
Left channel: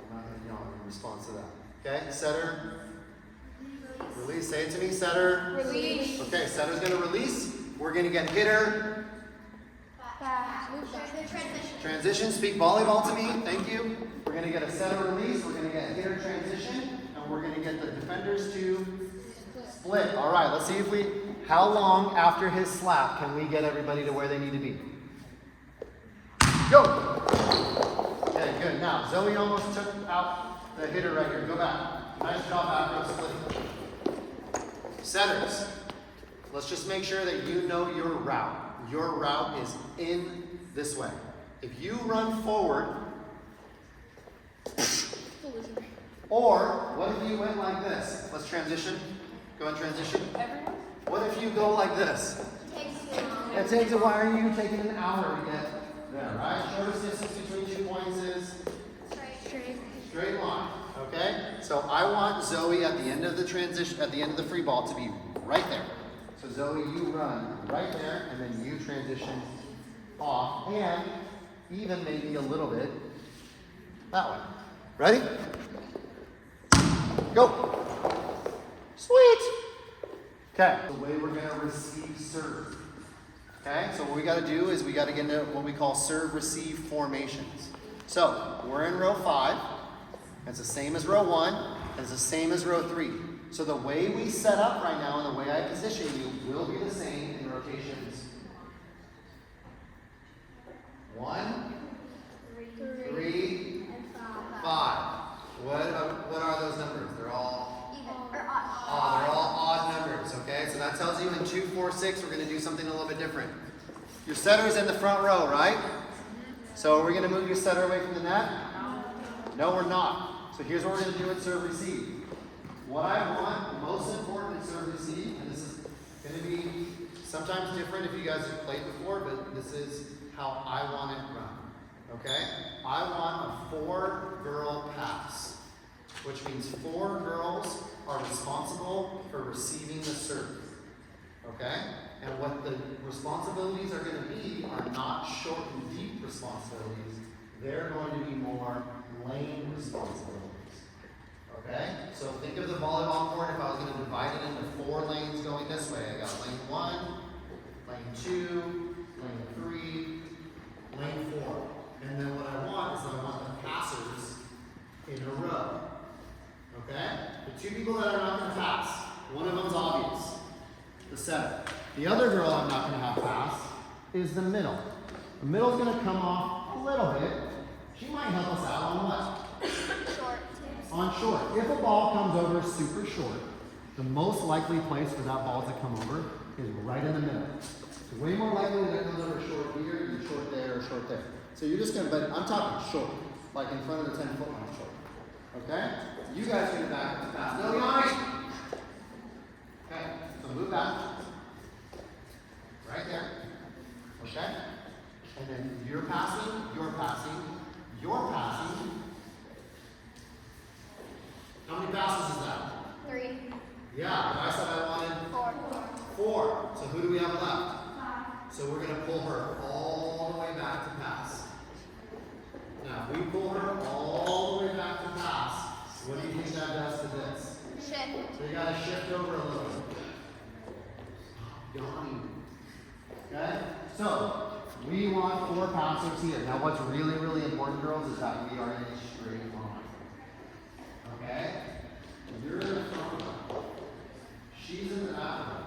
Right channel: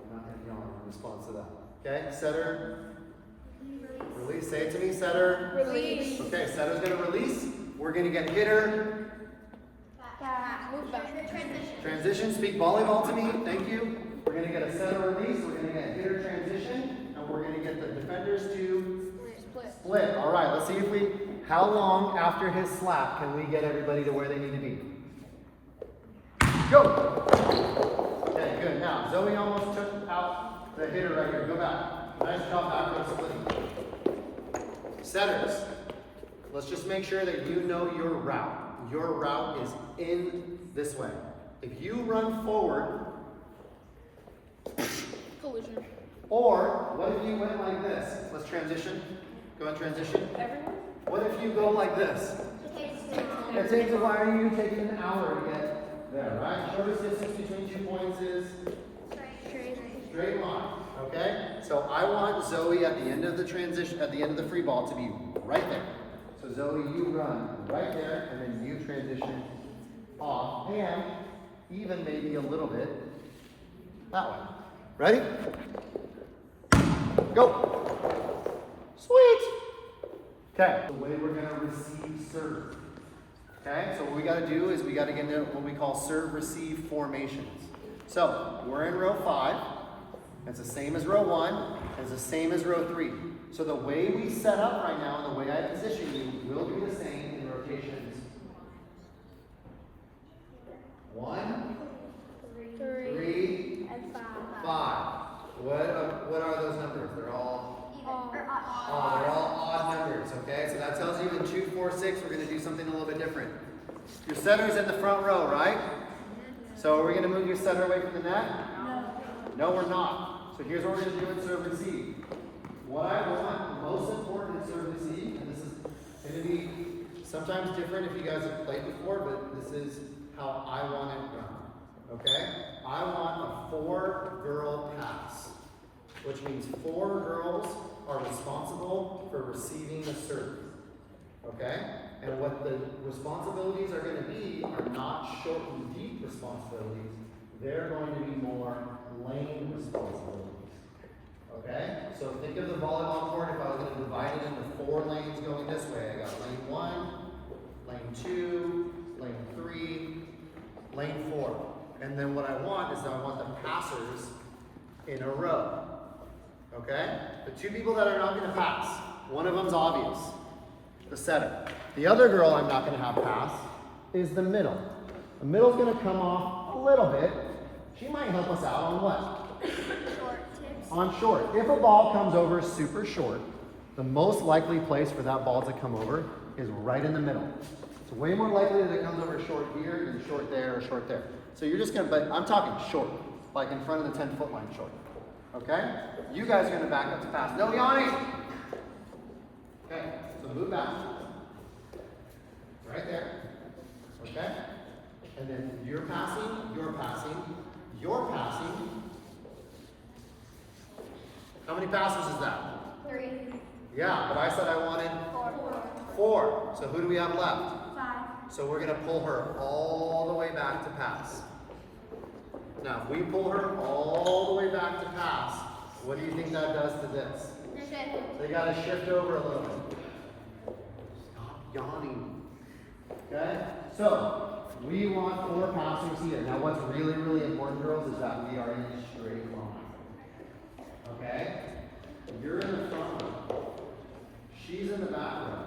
I'm not going to know in response to that. Okay, setter. Release. Say it to me, setter. Release. Okay, setter's going to release. We're going to get hitter. Transition. Speak volleyball to me. Thank you. We're going to get a setter release. We're going to get hitter transition. And we're going to get the defenders to split. All right, let's see if we, how long after his slap can we get everybody to where they need to be? Go! Okay, good. Now, Zoe almost took out the hitter right here. Go back. Nice job back row splitting. Setters, let's just make sure that you know your route. Your route is in this way. If you run forward, or what if you went like this? Let's transition. Go on transition. Everyone? What if you go like this? It takes a while. Are you taking an hour to get there, right? Shortest distance between 2 points is straight line. Okay? So I want Zoe at the end of the transition, at the end of the free ball to be right there. So Zoe, you run right there, and then you transition off, and even maybe a little bit that way. Ready? Go. Sweet. Okay. The way we're going to receive serve. Okay. So what we got to do is we got to get into what we call serve-receive formations. So we're in row 5. It's the same as row 1. It's the same as row 3. So the way we set up right now, and the way I position you, will be the same in rotations. 1, 3, 5. What are those numbers? They're all odd numbers, okay? So that tells you in 2, 4, 6, we're going to do something a little bit different. Your setter's in the front row, right? So are we going to move your setter away from the net? No, we're not. So here's what we're going to do with serve receive. What I want, most important in serve receive, and this is going to be sometimes different if you guys have played before, but this is how I want it run. Okay? I want a 4-girl pass, which means 4 girls are responsible for receiving the serve. Okay? And what the responsibilities are going to be are not short and deep responsibilities. They're going to be more lane responsibilities. Okay? So think of the volleyball court if I was going to divide it into 4 lanes going this way. I got lane 1, lane 2, lane 3, lane 4. And then what I want is I want the passers in a row. Okay? The 2 people that are not going to pass, one of them's obvious, the setter. The other girl I'm not going to have pass is the middle. The middle's going to come off a little bit. She might help us out on what? On short. If a ball comes over super short, The most likely place for that ball to come over is right in the middle. It's way more likely that it comes over short here than short there or short there. So you're just gonna, but I'm talking short, like in front of the 10-foot line short. Okay? You guys are gonna back up to pass. No yawning! Okay, so move back. Right there. Okay? And then you're passing, you're passing, you're passing. How many passes is that? 3. Yeah, but I said I wanted 4. So who do we have left? 5. So we're going to pull her all the way back to pass. Now, if we pull her all the way back to pass, what do you think that does to this? Shift. They got to shift over a little bit. Stop yawning. Okay? So, we want 4 passers here. Now, what's really, really important, girls, is that we are in a straight line. Okay? You're in the front row. She's in the back row.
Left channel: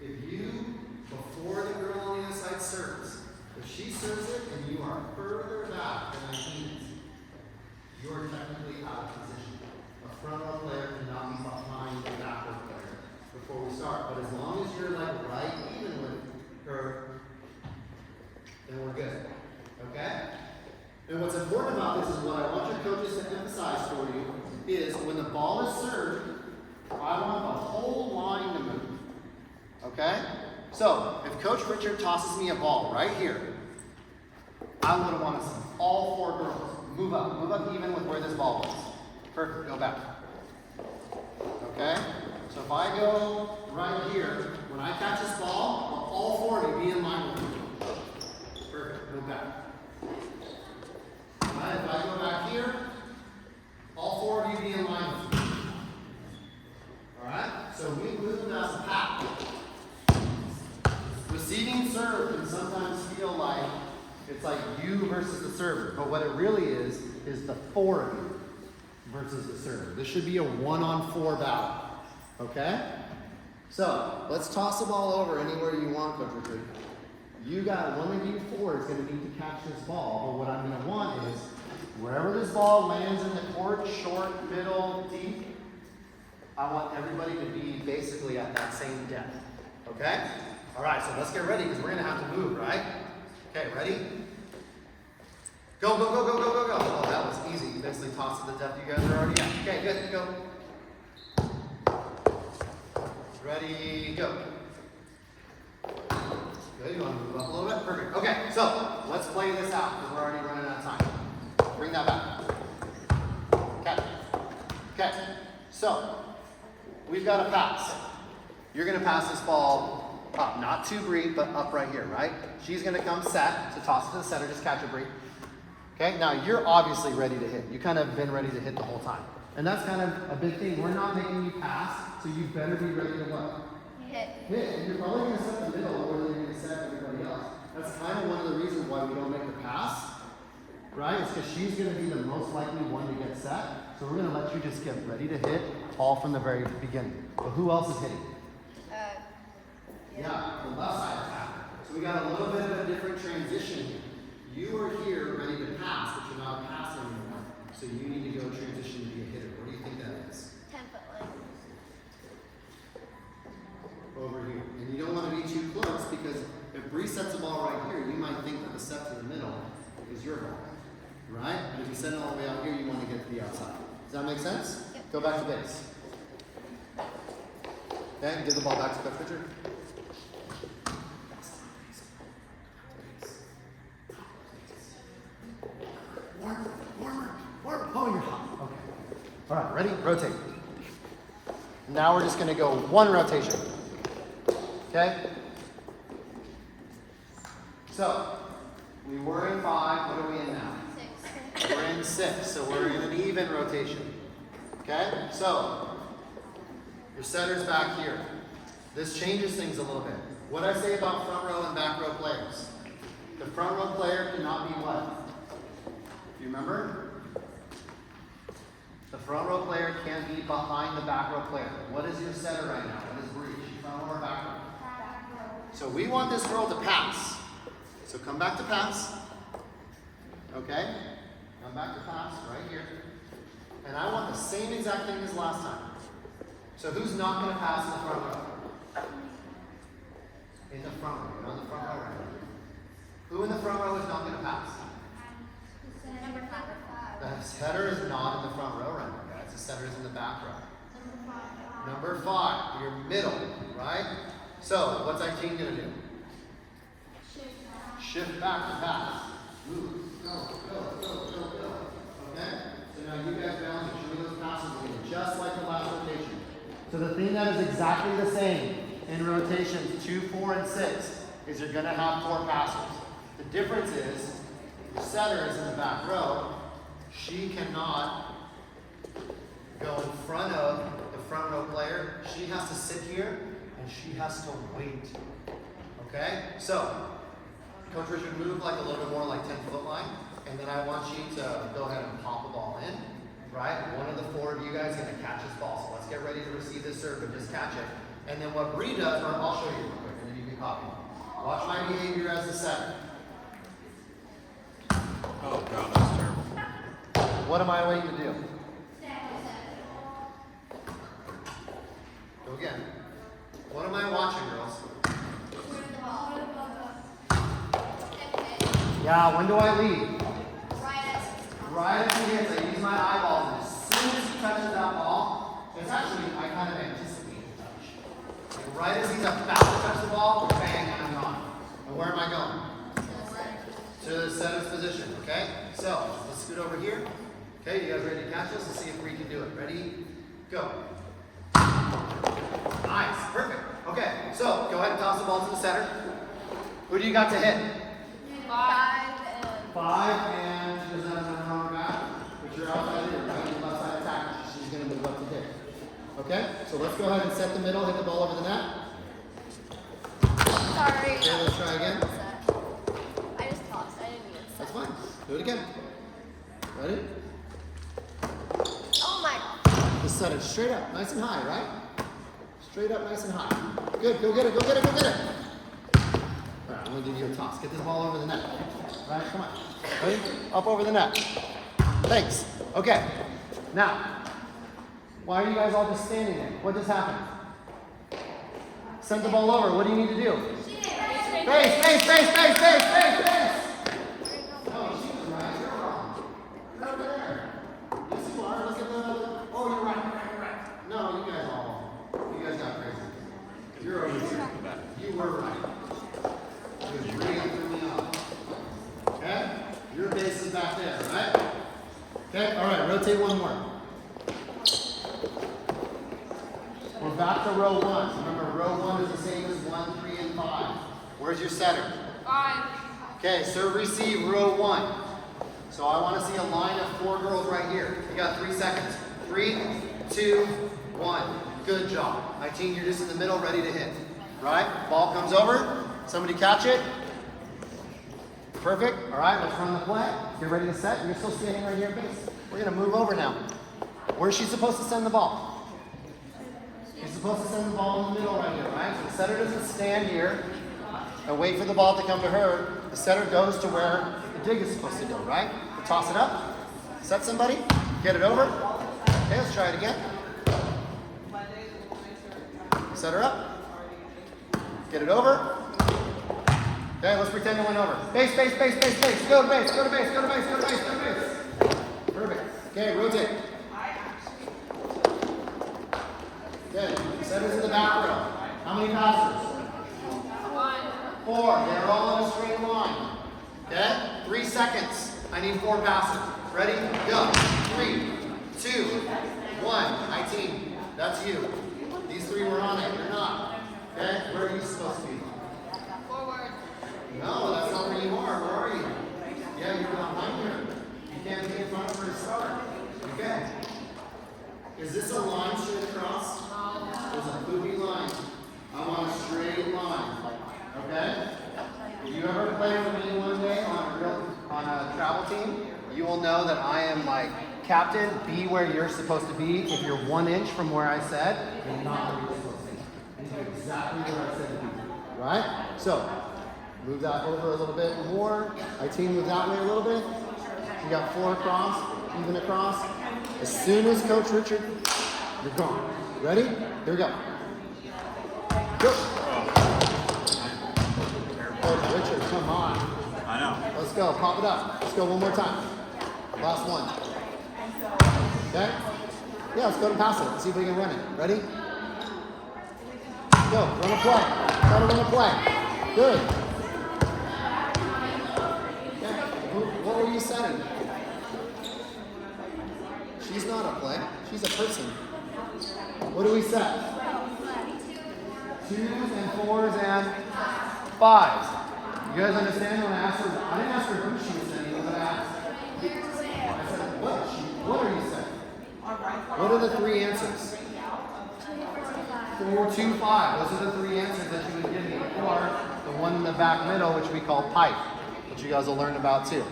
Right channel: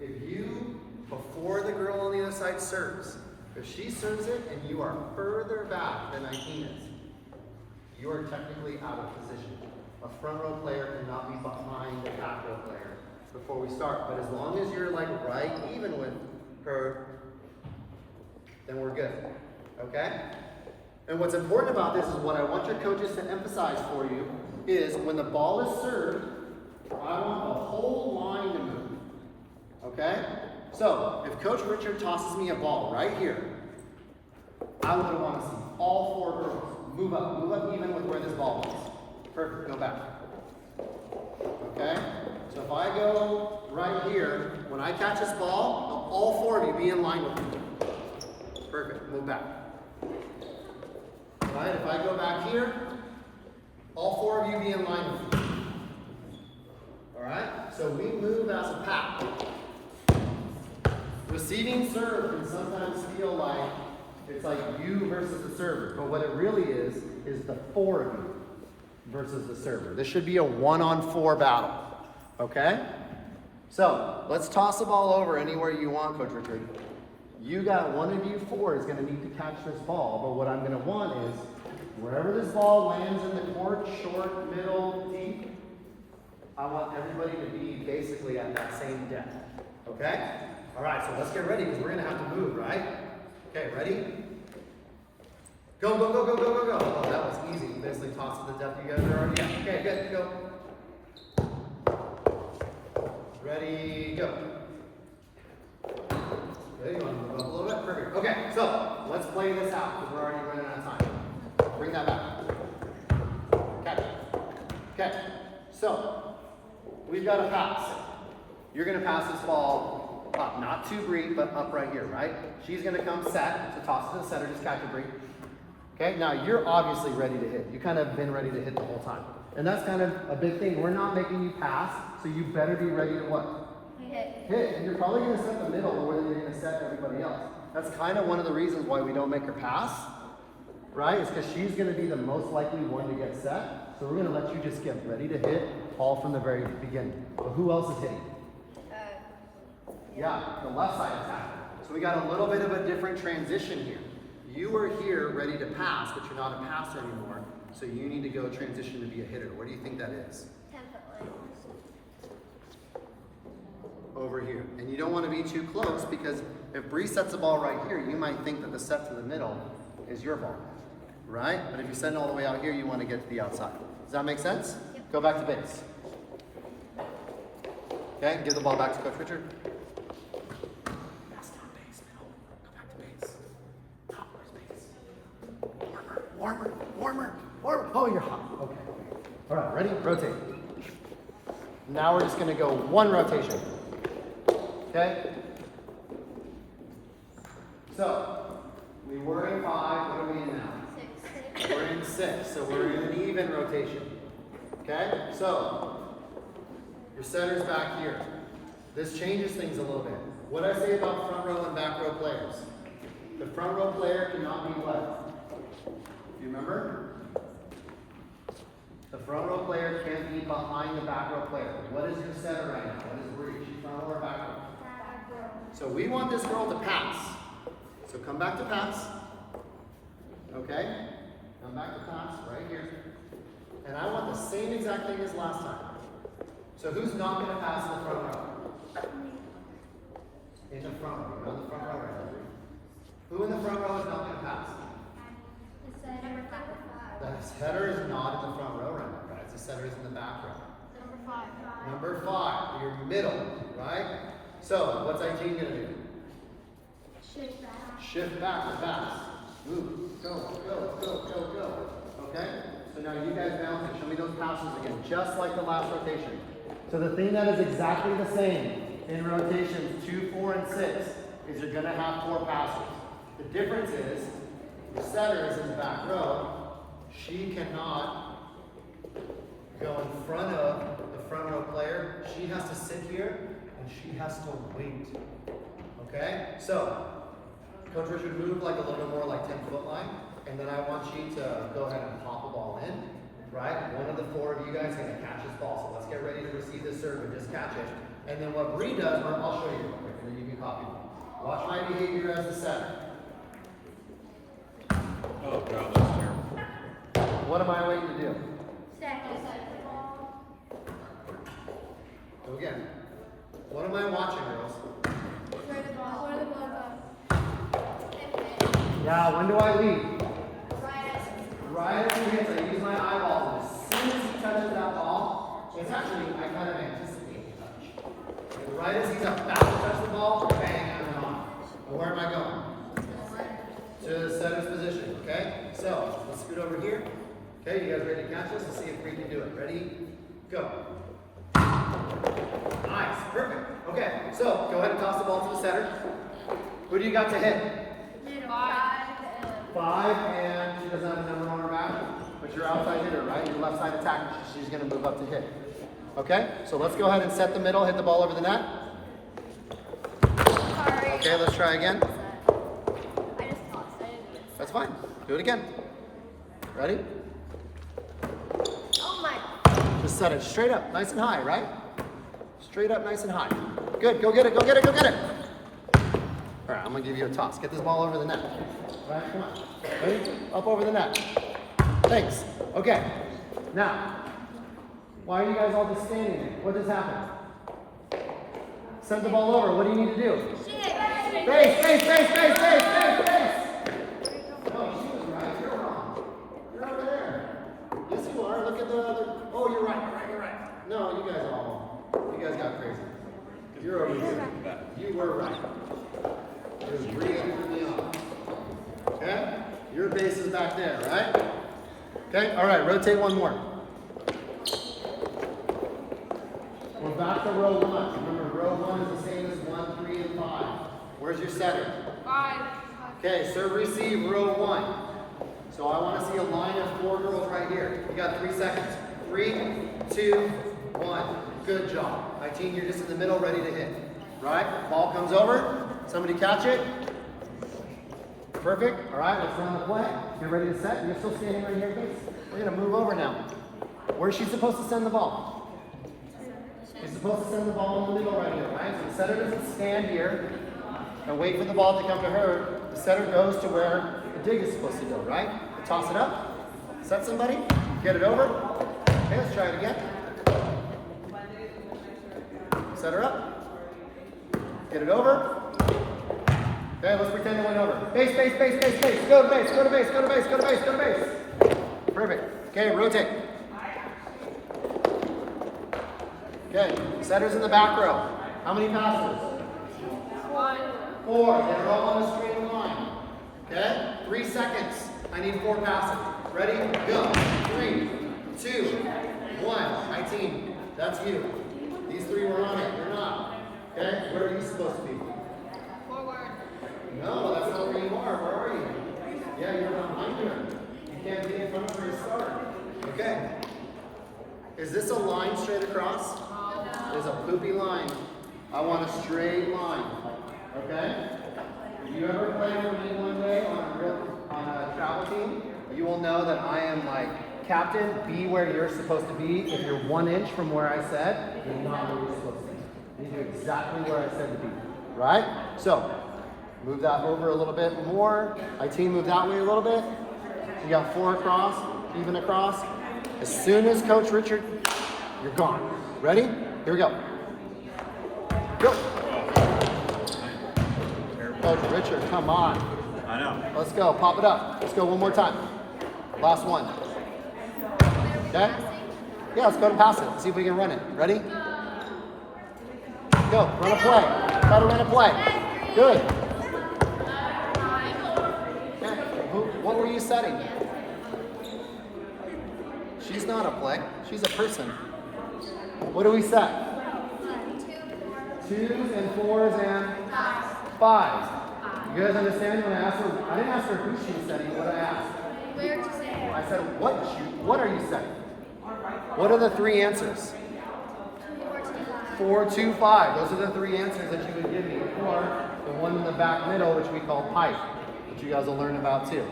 If you, before the girl on the other side serves, if she serves it and you are further back than 19 is, you are technically out of position. A front row player cannot be behind the back row player before we start. But as long as you're like right even with her, then we're good. Okay? And what's important about this is what I want your coaches to emphasize for you is when the ball is served, I want the whole line to move. Okay? So, if Coach Richard tosses me a ball right here, I would want to see all 4 girls move up even with where this ball was. Perfect, go back. Okay? So if I go right here, when I catch this ball, now all 4 of you be in line with me. Perfect, move back. All right, if I go back here, all 4 of you be in line with me. All right, so we move as a pack. Receiving serve can sometimes feel like it's like you versus the server, but what it really is the 4 of you versus the server. This should be a 1-on-4 battle. Okay? So let's toss the ball over anywhere you want, Coach Richard. You got one of you 4 is going to need to catch this ball, but what I'm going to want is wherever this ball lands in the court, short, middle, deep, I want everybody to be basically at that same depth. Okay? All right, so let's get ready because we're going to have to move, right? Okay, ready? Go, go, go, go, go, go, go. Oh, that was easy. You guys didn't toss to the depth you guys are already at. Okay, good, go. Ready, go. Good, you want to move up a little bit? Perfect. Okay, so let's play this out because we're already running out of time. Bring that back. Okay. Okay, so we've got a pass. You're going to pass this ball up, not to Bree, but up right here, right? She's going to come set to toss it to the center. Just catch it, Bree. Okay, now you're obviously ready to hit. You kind of been ready to hit the whole time. And that's kind of a big thing. We're not making you pass, so you better be ready to what? Hit. Hit. And you're probably going to set the middle where you're going to set everybody else. That's kind of one of the reasons why we don't make her pass, right? It's because she's going to be the most likely one to get set. So we're going to let you just get ready to hit all from the very beginning. Well, who else is hitting? Yeah, the left side attack. So we got a little bit of a different transition here. You are here ready to pass, but you're not a passer anymore. So you need to go transition to be a hitter. Where do you think that is? 10-foot line. Over here. And you don't want to be too close because if Bree sets the ball right here, you might think that the set to the middle is your ball. Right? But if you send it all the way out here, you want to get to the outside. Does that make sense? Yep. Go back to base. Okay, give the ball back to Coach Richard. Warmer, warmer, warmer. Oh, you're hot. Okay. All right, ready? Rotate. Now we're just going to go 1 rotation. Okay? So, we were in 5. What are we in now? 6. We're in 6. So we're in an even rotation. Okay? So, your center's back here. This changes things a little bit. What did I say about front row and back row players? The front row player cannot be what? You remember? The front row player can't be behind the back row player. What is your center right now? What is Bree? She's front row or back row? Back row. So we want this girl to pass. So come back to pass. Okay? Come back to pass right here. And I want the same exact thing as last time. So who's not going to pass in the front row? In the front row. You're on the front row right now. Who in the front row is not going to pass? The setter is not in the front row right now, guys. The setter is in the back row. Number 5, your middle, right? So, what's our team going to do? Shift back to pass. Move. Go. Okay? So now you guys bounce it. Show me those passes again, just like the last rotation. So the thing that is exactly the same in rotations 2, 4, and 6 is you're going to have 4 passes. The difference is the setter is in the back row. She cannot go in front of the front row player. She has to sit here and she has to wait. Okay? So, Coach Richard, move like a little bit more like 10-foot line. And then I want you to go ahead and pop a ball in. Right? One of the 4 of you guys is going to catch this ball. So let's get ready to receive this serve and just catch it. And then what Bree does, I'll show you real quick, and then you can copy. Watch my behavior as the setter. Oh, no, that's terrible. What am I waiting to do? Go again. What am I watching, girls? Yeah, when do I leave? Right as he hits, I use my eyeballs, and as soon as he touches that ball, it's actually, I kind of anticipate the touch. And right as he's about to touch the ball, bang, I'm on. And where am I going? To the setter's position, okay? So, let's scoot over here. Okay, you guys ready to catch this? Let's see if we can do it. Ready? Go. Nice, perfect. Okay, so go ahead and toss the ball to the center. Who do you got to hit? 5, and she doesn't have a number on her back, but you're outside hitter, right? Your left side attack, she's going to move up to hit. Okay, so let's go ahead and set the middle, hit the ball over the net. Sorry. Okay, let's try again. I just tossed. I didn't mean to. That's fine. Do it again. Ready? Oh my. Just set it straight up, nice and high, right? Straight up, nice and high. Good, go get it, go get it, go get it. All right, I'm going to give you a toss. Get this ball over the net. All right, come on. Ready? Up over the net. Thanks. Okay. Now, why are you guys all just standing there? What just happened? Send the ball over. What do you need to do? Base. No, she was right. You're wrong. You're over there. Yes, you are. Look at the. Oh, you're right. No, you guys got crazy. You're over here. You were right. It was breathing through me off. Okay? Your base is back there, right? Okay? All right, rotate one more. We're back to row 1. Remember, row 1 is the same as 1, 3, and 5. Where's your setter? 5. Okay, serve receive, row 1. So I want to see a line of 4 girls right here. We got 3 seconds. 3, 2, 1. Good job. My team, you're just in the middle, ready to hit. Right? Ball comes over. Somebody catch it. Perfect. All right, let's run the play. Get ready to set. You're still standing right here, base. We're going to move over now. Where's she supposed to send the ball? She's supposed to send the ball in the middle right here, right? So the setter doesn't stand here and wait for the ball to come to her. The setter goes to where the dig is supposed to go, right? Toss it up. Set somebody. Get it over. Okay, let's try it again. Set her up. Get it over. Okay, let's pretend it went over. Base. Go to base. Perfect. Okay, rotate. Okay, setter's in the back row. How many passes? 1. 4. They're all on a straight line. Okay? 3 seconds. I need 4 passes. Ready? Go. 3, 2, 1. My team. That's you. These 3 were on it. You're not. Okay? Where are you supposed to be? Forward. No, that's not where you are. Where are you? Yeah, you're behind her. You can't be in front of her to start. Okay. Is this a line straight across? There's a poopy line. I want a straight line. Okay? If you ever play with me one day on a travel team, you will know that I am like, Captain, be where you're supposed to be. If you're 1 inch from where I said, you're not where you're supposed to be. You do exactly where I said to be. Right? So, move that over a little bit more. My team move that way a little bit. You got 4 across, even across. As soon as Coach Richard, you're gone. Ready? Here we go. Go. Oh, Richard, come on. I know. Let's go. Pop it up. Let's go one more time. Last one. Okay? Yeah, let's go and pass it. See if we can run it. Ready? Go. Run a play. Try to run a play. Good. What were you setting? She's not a play. She's a person. What do we set? 2s and 4s and 5s. You guys understand when I asked her? I didn't ask her who she was setting. What I asked? I said, what are you setting? What are the 3 answers? 4, 2, 5. Those are the 3 answers that you would give me. Or the one in the back middle, which we call pipe, which you guys will learn about too.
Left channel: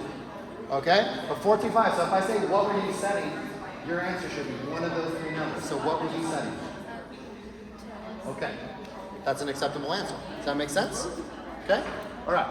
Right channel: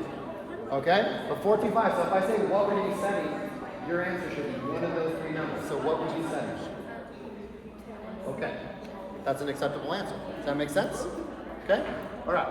Okay? But 4, 2, 5. So if I say, what were you setting? Your answer should be one of those 3 numbers. So what were you setting? Okay. That's an acceptable answer. Does that make sense? Okay? All right.